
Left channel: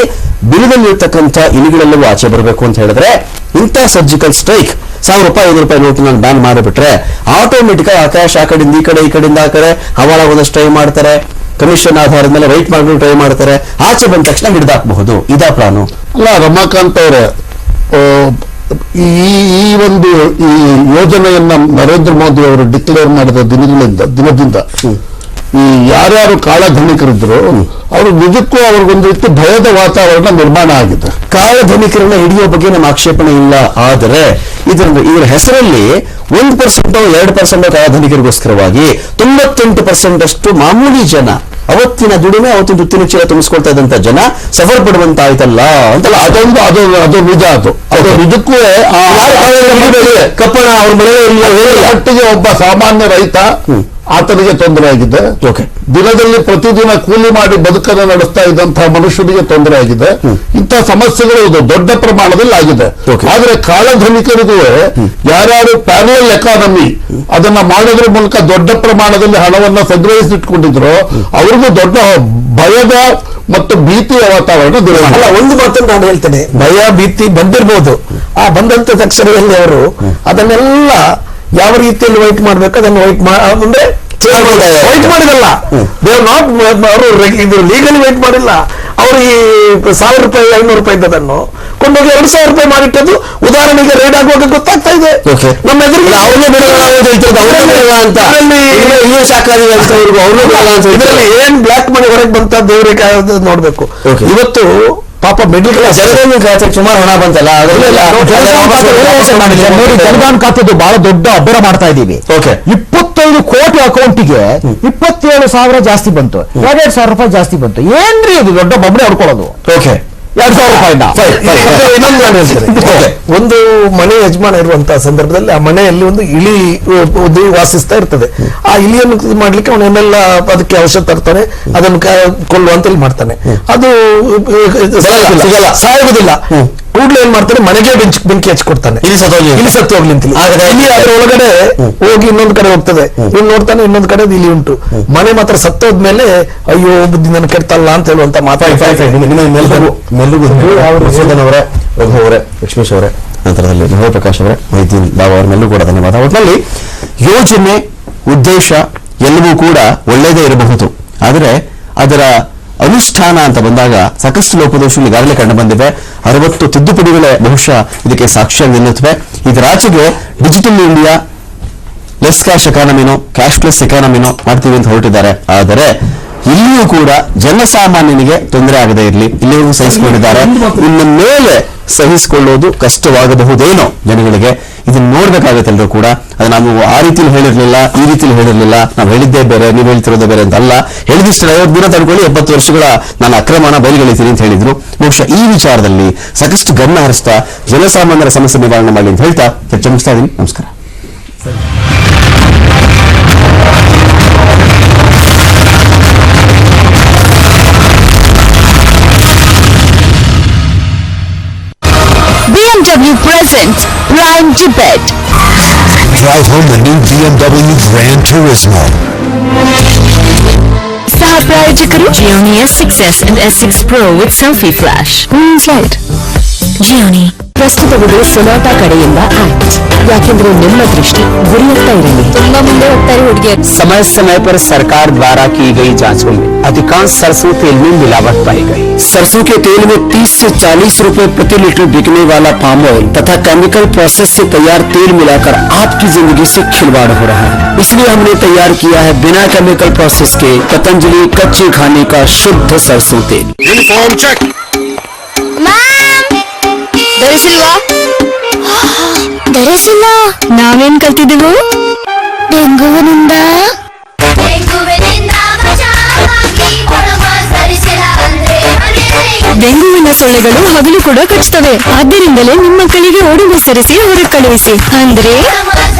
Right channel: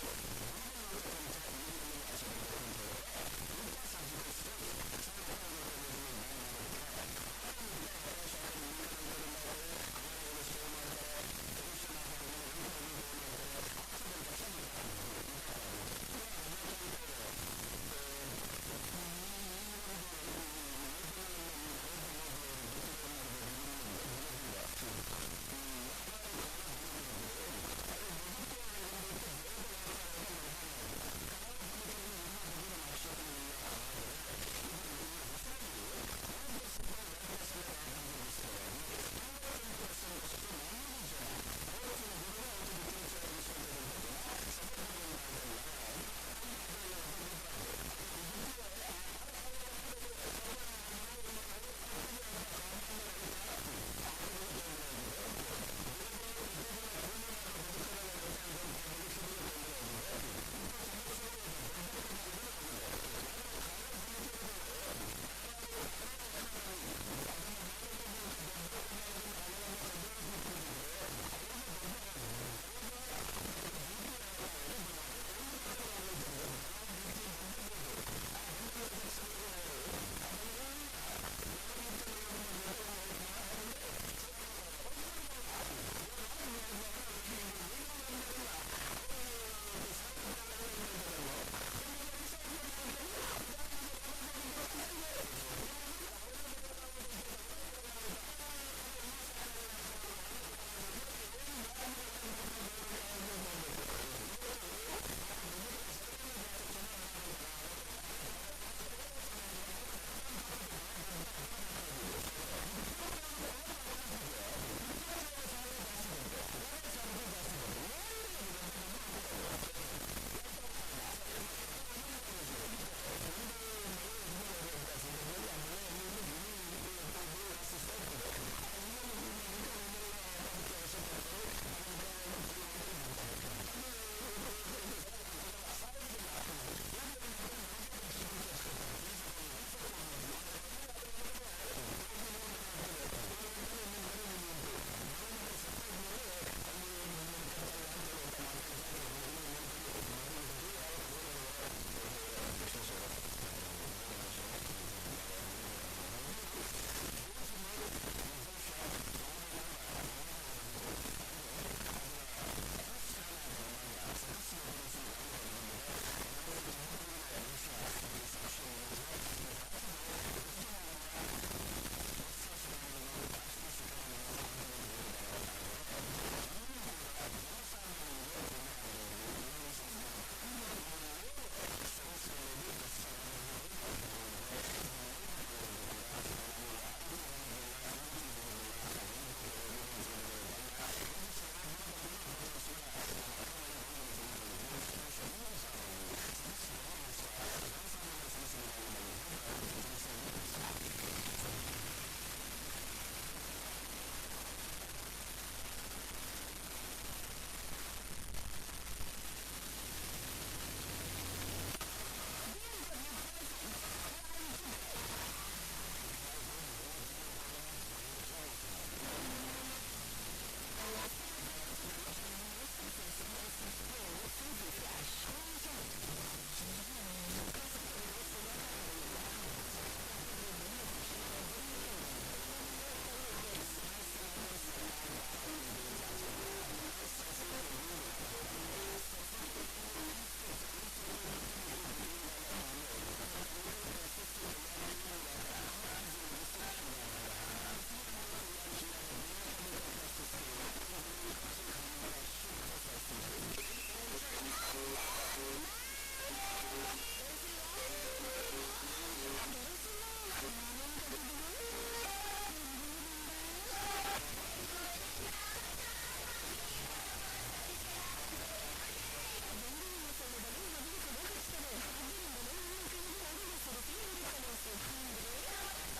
ಬಿಲದಲ್ಲಿರ್ತಕ್ಕಂಥ ಇಲಿಗಳೆಲ್ಲವೂ ಆಚೆ ಬರಬೇಕು ಅಂತ ಹೇಳಿದ್ರೆ ಇಂಥ ಸರ್ಜಿಕಲ್ ಸ್ಟ್ರೈಕ್ ಸಾವಿರ ರೂಪಾಯಿ ಐದು ರೂಪಾಯಿ ನೋಟು ನಾನು ಬ್ಯಾನ್ ಮಾಡಿಬಿಟ್ರೆ ಆಟೋಮೆಟಿಕ್ ಆಕಾಶ ಆ ಕಡೆಯಿಂದ ಈ ಕಡೆ ಈ ಕಡೆಯಿಂದ ಆ ಕಡೆ ಹವಾಲಾಗೋದಷ್ಟು ಟ್ರೈ ಮಾಡ್ತಾರೆ ಕಮಿಷನ್ ಆಧಾರದ ಮೇಲೆ ರೈಟ್ ಮಾಡ್ಕೊಂಡು ಟ್ರೈ ಮಾಡ್ತಾರೆ ಆಚೆ ಬಂದ ತಕ್ಷಣ ಹಿಡಿದಾಕಬಹುದು. ಇದಾ ಪ್ಲಾನು ಅಲ್ಲ ರಮಾಕಾಂತ್ ಅವರೇ ಈ ಈ ಒಂದು ಈ ಯೋಜನೆಯನ್ನ ನರೇಂದ್ರ ಮೋದಿ ಅವರು ಡಿಕ್ಲೇರ್ ಮಾಡಿದ ದಿನಗಳಿಂದ ದಿನದಿಂದ ಈ ಯಾರ್ಯಾರು ಕಾಳಧನಿಕರಿದ್ರು ಅವರು ನಿಜಕ್ಕೂ ಅವ್ರಿಗೊಂದು ರೀತಿ ಭಯದ ವಾತಾವರಣ ನಿರ್ಮಾಣ ಆಗಿದೆ. ಕಾಳಧನಿಕರನ್ನ ಹಿಡಿಯೋ ಬಗ್ಗೆ ನಮ್ಮ ಆಕ್ಷೇಪಣೆ ಇಲ್ಲ. ಆದರೆ ಇದರ ಇವರ ಹೆಸರಲ್ಲಿ ಒಂದು ಪರ್ಸೆಂಟ್ ಎರಡು ಪರ್ಸೆಂಟ್ ಕಾಳಧನಿಕರಿಗೋಸ್ಕರವಾಗಿ ತೊಂಬತ್ತೆಂಟು ಪರ್ಸೆಂಟ್ ಅಷ್ಟು ಮಾಮೂಲಿ ಜನ ಅವತ್ತಿನ ದುಡಿಮೆ ಅವತ್ತಿನ ದುತ್ತಿನ ಚೀಲ ತುಂಬಿಸ್ಕೊಳ್ತಾ ಇದ್ದಂತ ಜನ ಸಫರ್ ಪಡುವಂತಾಯ್ತಲ್ಲ ಅಂತಲ್ಲ ಅದೊಂದು ಅದು ಅದು ನಿಜ ಅದು. ಅದು ನಿಜಕ್ಕೂ ಕಪ್ಪಣ ಅವ್ರ ಮನೆಯಲ್ಲಿ ಒಬ್ಬ ಸಾಮಾನ್ಯ ರೈತ ಆತನಿಗೆ ತೊಂದರೆ ಆಗಿದೆ. ಓಕೆ ದಿನದಲ್ಲಿ ಪ್ರತಿದಿನ ಕೂಲಿ ಮಾಡಿ ಬದುಕನ್ನು ನಡೆಸ್ತಾ ಇದ್ದಂತಹ ಮನುಷ್ಯನಿಗೆ ತೊಂದರೆ ಆಗಿದೆ. ಇಂತಹ ಸಮಸ್ಯೆಗಳು ಇದು ದೊಡ್ಡ ಪ್ರಮಾಣದಲ್ಲಿ ಆಗಿದೆ. ಆದ್ರೆ ಕಾಳಧನಿಕರಿಗೂ ಯಾರ್ಯಾರು ಪ್ಯಾರಲ್ ಎಕಾನಮಿ ಅದನ್ನ ಮಾಡೋದ್ರ ಮೂಲಕ ದೊಡ್ಡ ಪ್ರಮಾಣದಲ್ಲಿ ಹಣವನ್ನ ಸಂಗ್ರಹಿಸಿಟ್ಕೊಂಡಿದ್ರು ಅವ್ರಿಗೂ ದೊಡ್ಡ ಭಯದ ಮತ್ತು ಭೀತಿಯ ವಾತಾವರಣ ಅಲ್ಲ ಒಂದು ಮಾತನ್ನು ನಾನು ಹೇಳ್ತೇನೆ. ಭಯ ಭೀತಿ ಬಂದಿರಬಹುದು ಆ ಬಂದಂತ ತಕ್ಷಣದಲ್ಲಿ ಅವರು ಅದನ್ನೆಲ್ಲ ಯಾವ ರೀತಿಯಲ್ಲಿ ವೈಟ್ ಮಾಡ್ಬೇಕು? ಅದನ್ನು ವೈಟ್ ಅಂದ್ರೆ ವೈಟ್ ಮಾಡಿದಲ್ಲ. ದೇವ್ ನಾಟ್ ಅವರು ಇದು ಲೀಗಲಿ ವೈಟ್ ಮಾಡಿಲ್ಲ. ಅವರು ಈ ಸಾವಿರ ರೂಪಾಯಿ ಐನೂರು ರೂಪಾಯಿ ಇದ್ದದನ್ನು ಕೊಂಡೋಗಿ ಎರಡು ಸಾವಿರ ರೂಪಾಯಿ ಮಾಡಿಟ್ಟದ್ದು ಉದಾಹರಣೆಗೆ ರೈಡ್ ಆಗುವಾಗ ಗೊತ್ತಾಗ್ತಾ ಇದೆ. ನಮ್ಮ ಎದುರಿಗೆ ಅವ್ರನ್ನೇ ಬಿಡಲ್ಲ ಅಂತ. ಇದರಲ್ಲಿ ಏನ್ ಬ್ಲಾಕ್ ಮನಿ ಹೊರಗೆ ಬಂತ ದೇವರಿಗೆ ನೋಡ್ಬೇಕು. ಇವತ್ತು ಪಾಪ ಮಿಡ್ಲ್ ಕ್ಲಾಸ್ ಜನಧನ್ ಖಾತೆಗೆ ಸುಮಾರು ಹಣ ಬಂತಲ್ಲ ನೋಡಿ ಜನಧನ್ ಖಾತೆದು ಬಹಳ ದೊಡ್ಡ ಅಬ್ಬರ ಮಾಡ್ತಾ ಇದ್ದೀವಿ. ಇಪ್ಪತ್ತೈದು ಕೋಟಿ ಅಕೌಂಟಿಗೆ ಇಪ್ಪತ್ತೇಳು ಸಾವಿರ ಜಾಸ್ತಿ ಬಂತು. ಎರಡೆರಡು ಸಾವಿರ ರೂಪಾಯಿ ಜಾಸ್ತಿ ಬಂತು. ಏನ್ರಿ ಇದು ದೊಡ್ಡ ಬೊಬ್ಬಡೆ ಹೊಡ್ಕೊಳ್ಳೋದು? ಓಕೆ ಎರಡ್ ಸಾವಿರ ರೂಪಾಯಿಂದ ಇನ್ನೊಂದು ನಾನು ಹೇಳ್ತೇನೆ. ಒಂದು ಮನೆ ಯಜಮಾನ ಇರುವಂತಹ ಸಂದರ್ಭದಲ್ಲಿ ಆ ಮನೆಯಲ್ಲಿ ಒಂದು ಇಲಿ ವಾಸಿಸ್ತಾ ಇರ್ತದೆ. ಆ ಇಲಿಯನ್ನು ಮಾಡ್ಲಿಕ್ಕೆ ಅವನು ಏನೆಲ್ಲ ಅದಕ್ಕೆ ಔಷಧ ತರ್ತಾನೆ ಅದನ್ನು ಕೊಲ್ಲುವಂತಲ್ಲಿ ಕೊಲ್ಲುವಂತ ಮಾಡ್ತಾನೆ ಅದು. ಸಾಯುವುದಿಲ್ಲ ಕೂಡ್ಲೆ ಏನ್ ಮಾಡ್ತಾನೆ? ಮನೆಗೆ ಬೆಂಕಿ ಬೆಂಕಿ ಹಚ್ಕೊಡ್ತಾನೆ. ಇಲ್ಲಿ ಸತ್ತೋಗ್ಲಿ. ಇಲ್ಲಿ ಸತ್ತು ಹೋಗ್ಲಿ ಅಂತ ಇಲ್ಲಿ ಅದ್ರ ಒಳಗಡೆ ಹೋಗಿ ಇನ್ನೊಂದ್ ಕಡೆ ಹೋಗ್ತದೆ. ಇವ್ ನೋಡ್ತಾನೆ ಇನ್ನೊಂದ್ ಕಡೆ ಇಲ್ಲಿ ಉಂಟು. ಮನೆ ಮಾತ್ರ ಸತ್ತೋದ್ಮೇಲೆ ಅಯ್ಯೋ ಒಬ್ಬ ನನ್ನ ಕೆಡ್ತಲ್ಲ ಅಂತ ಹೇಳುವಂತ ಮಾತಾಡ್ತಾರೆ ರಘು ಅವರೇ ಲಕ್ಷ್ಮೀಶ್ ಅವರೇ ನಂತರದಲ್ಲಿ ಮಹೋ ಪ್ರಕಾಶ್ ಅವರೇ ಮೈತಿ ಬಾಬಾ ಅವ್ರ ಮೇಲೂ ಕೂಡ ಧನ್ಯವಾದ. ಒಟ್ಟಿನಲ್ಲಿ ಯೋಜನೆ ಉದ್ದೇಶ ಎಲ್ಲವೂ ಕೂಡ ಒಳ್ಳೆಯದೇ ಇರಬಹುದು. ಆದರೆ ಅದರ ಅನುಷ್ಠಾನ ಅಂತ ಬಂದಾಗ ಸಾಕಷ್ಟು ಲೋಪದೋಷಗಳು ಈಗಾಗಲೇ ಕಂಡು ಬಂದಿವೆ. ಅರವತ್ತು ತಿದ್ದುಪಡಿಗಳೇ ಬಹುಶಃ ಇದಕ್ಕೆ ಸಾಕ್ಷಿಯಾಗಿ ನಿಲ್ಲುತ್ತವೆ. ಇದರಾಚೆಗೆ ಡಿಜಿಟಲ್ ಇಂಡಿಯಾ ಲೆಸ್ ಕ್ಯಾಶ್ ಎಕಾನಮಿನೋ ಕ್ಯಾಶ್ ಲೆಸ್ ಎಕಾನಮಿನೋ ಮಾಡ್ತೀವಿ ಅಂತ ಹೊರಟಿದ್ದಾರೆ. ಆದರೆ ಇಲ್ಲಿಯೂ ಕೂಡ ಜನಸಾಮಾನ್ಯನಿಗೆ ತೊಂದರೆ ಆಗದೇ ಇರಲಿ. ಇಲ್ಲಿಯೂ ಸಹಿಸಿಕೊಂಡಿದ್ದಾರೆ. ಇನ್ನು ಮೇಲೆ ಸಹಿಸಿಕೊಳ್ಳೋದು ಕಷ್ಟವಾಗಬಹುದೇನೋ ಜನಗಳಿಗೆ. ಇದನ್ನ ನೋಡ್ಬೇಕಾಗತ್ತೆ ಕೂಡ. ಅದು ನಾವು ಆ ರೀತಿಲಿ ಹೇಳಿರ್ಲಿಲ್ಲ, ಈ ರೀತಿಲಿ ಹೇಳಿರ್ಲಿಲ್ಲ. ನಾವು ಹೇಳಿದ್ದೇ ಬೇರೆ, ನೀವು ಹೇಳ್ತಿರೋದೇ ಬೇರೆ ಅಂತ ಅಲ್ಲ. ಹೇಳಿದಿಷ್ಟು ಐವತ್ತು ದಿನ ತಡ್ಕೊಳ್ಳಿ, ಎಪ್ಪತ್ತು ವರ್ಷಗಳ ನಾನು ಅಕ್ರಮಣ ಬಯಲುಗಳಿತೀನಿ ಅಂತ ಹೇಳಿದ್ರು. ಬಹುಶಃ ಈ ವಿಚಾರದಲ್ಲಿ ಸಾಕಷ್ಟು ಗಮನ ಹರಿಸ್ತಾ ಜನಸಾಮಾನ್ಯರ ಸಮಸ್ಯೆ ನಿವಾರಣೆ ಮಾಡಿ ಅಂತ ಹೇಳ್ತಾ ಚರ್ಚೆ ಮುಗಿಸ್ತಾ ಇದ್ದೀನಿ ನಮಸ್ಕಾರ. Presents Prime Tibet. Drive home the new BMW Gran Turismo. ಸಹ ಪ್ರಾಯೋಜಕರು Gionee S six S and S six pro with selfie flash slide Gionee ಪ್ರಸ್ತುತವಿದೆ Sonata ಕಡೆಯಿಂದ ಆಕ್ಟ್ ಯಾಕೆಂದ್ರೆ ನಿಮ್ಮ ದೃಷ್ಟಿ ಗುರಿಯತ್ತ ಇರಲಿ ತುಂಬಾ ಮುಂದೆ ಹೋಗ್ತಾರೆ ಹುಡುಗಿಯರು समय समय पर सरकार द्वारा की गई जांचों में अधिकांश सरसों तेल में मिलावट पाई गई सरसों के तेल में 30 से 40 रुपए प्रति लीटर बिकने वाला पाम ऑयल तथा केमिकल प्रोसेस से तैयार तेल मिलाकर आपकी जिंदगी से खिलवाड़ हो रहा है इसलिए हमने तैयार किया है बिना केमिकल प्रोसेस के पतंजलि कच्चे खाने का शुद्ध सरसों तेल ಯೂನಿಫಾರ್ಮ್ ಚೆಕ್ ಧರಿಸಿಲ್ವಾ ಧರಿಸಿಲ್ಲ ನಾವೇನ್ ಕಲ್ತಿದ್ದೆವು? ಡೆಂಗುವಿನಿಂದ. ಡೆಂಗುವಿನ ಸೊಳ್ಳೆಗಳು ಹಗಲು ಕೂಡ ಕಚ್ಚುತ್ತವೆ. ಆದ್ದರಿಂದಲೇ ನಿಮ್ಮ ಕಳಿಗೆ ಓಡುವ ಸರಿಸಿ ಹೊರಗೆ ಕಳುಹಿಸಿ. ಅಂದ್ರೆ?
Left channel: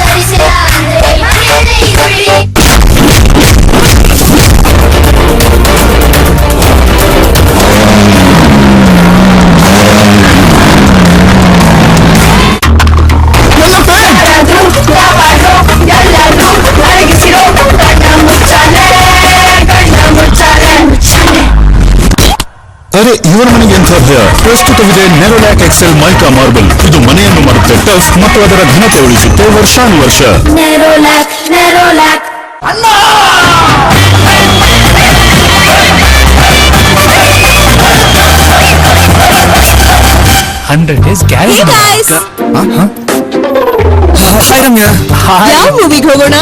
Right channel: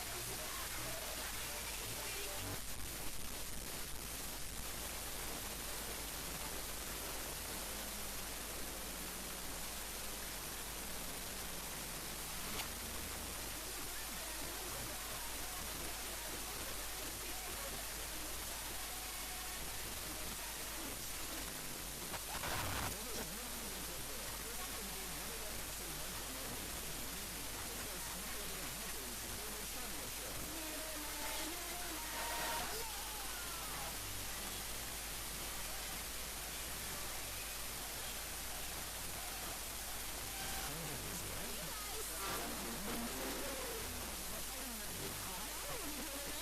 ಮನೆಗೆ ಪ್ರಸ್ತುತವಿದೆ ನೆರೋಲ್ಯಾಕ್ ಎಕ್ಸೆಲ್ ಮೈಕಾ ಮಾರ್ಬಲ್. ಇದು ಮನೆಯನ್ನು ಮಾಡುತ್ತೆ ಟಫ್ ಮತ್ತು ಅದರ ಘನತೆ ಉಳಿಸುತ್ತೆ ವರ್ಷಾನುವರ್ಷ. ಹಂಡ್ರೆಡ್ ನೆರೋಲಾಕ್ ನೆರೋಲಾಕ್ ಯಾವ ಮೂವಿಗೆ ಹೋಗೋಣ?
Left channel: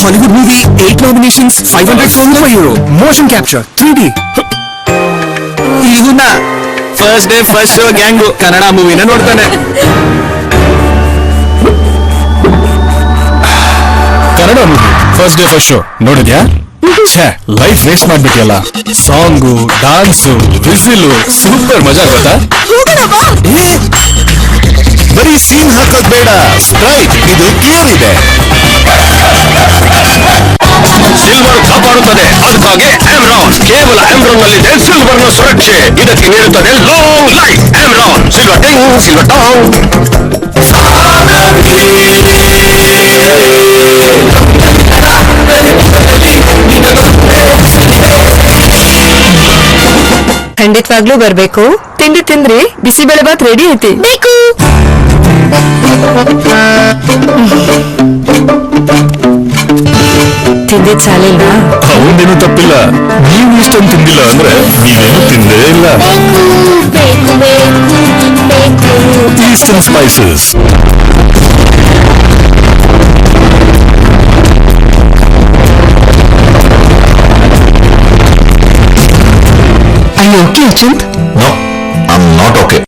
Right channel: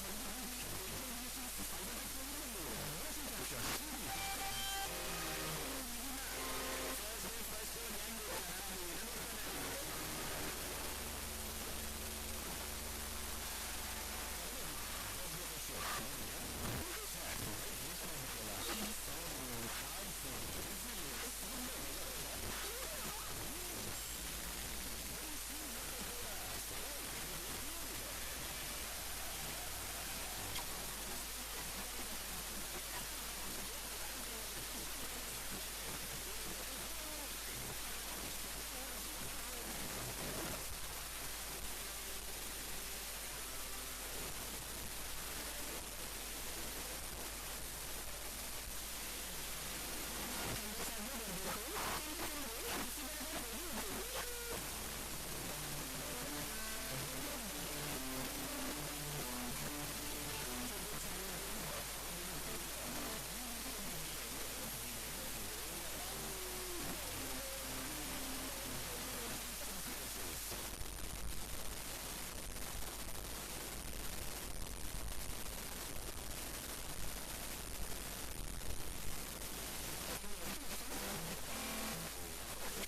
Hollywood movie eight nominations five hundred crore euro motion capture three D first day first show gang Kannada ಮೂವಿನ ನೋಡ್ತಾನೆ. Kannada movie first day first show ನೋಡಿದ್ಯಾ? ಛೇ ಲೈಫ್ ವೇಸ್ಟ್ ಮಾಡ್ಬಿಟ್ಟಿಯಲ್ಲ. ಸಾಂಗು ಡಾನ್ಸು ವಿಸಿಲು ಸೂಪರ್ ಮಜಾ ಗೊತ್ತಾ? ಏ, ಬರೀ ಸೀನ್ ಹಾಕೋದ್ ಬೇಡ. ಸ್ಪ್ರೈಟ್ ಇದು ಕ್ಲಿಯರ್ ಇದೆ ಸಿಲ್ವರ್ ಕಾಪಾಡುತ್ತದೆ. ಅದಕ್ಕಾಗಿ ಆಮ್ರಾನ್ ಕೇವಲ ಆಮ್ರಾನ್ ನಲ್ಲಿದೆ ಸಿಲ್ವರ್ನ ಸುರಕ್ಷೆ. ಇದಕ್ಕೆ ನೀಡುತ್ತದೆ ಲಾಂಗ್ ಲೈಫ್ ಆಮ್ರಾನ್ ಸಿಲ್ವರ್ ಟಿಂಗ್ ಸಿಲ್ವರ್ ಟಾಂಗ್ ಖಂಡಿತವಾಗ್ಲೂ ಬರ್ಬೇಕು. ತಿಂಡಿ ತಿಂದ್ರಿ. ಬಿಸಿಬೇಳೆ ಬಾತ್ ರೆಡಿ ಐತಿ. ಬೇಕು. ತಿಂದಿದ್ ಸಾಲಿಲ್ವಾ ಅವನೇನು ತಪ್ಪಿಲ್ಲ. ನೀವು ಇಷ್ಟೊಂದು ತಿಂದಿಲ್ಲ ಅಂದ್ರೆ ನೀವೇನು ತಿಂದೇ ಇಲ್ಲ. ಬೇಕು ಬೇಕು ಬೇಕು ಈಸ್ಟರ್ನ್ ಸ್ಪೈಸಸ್ ಅಯ್ಯೋ ಓಕೆ ಅಚಂತ್ ನೋ ಐ ನಾಟ್ ಓಕೆ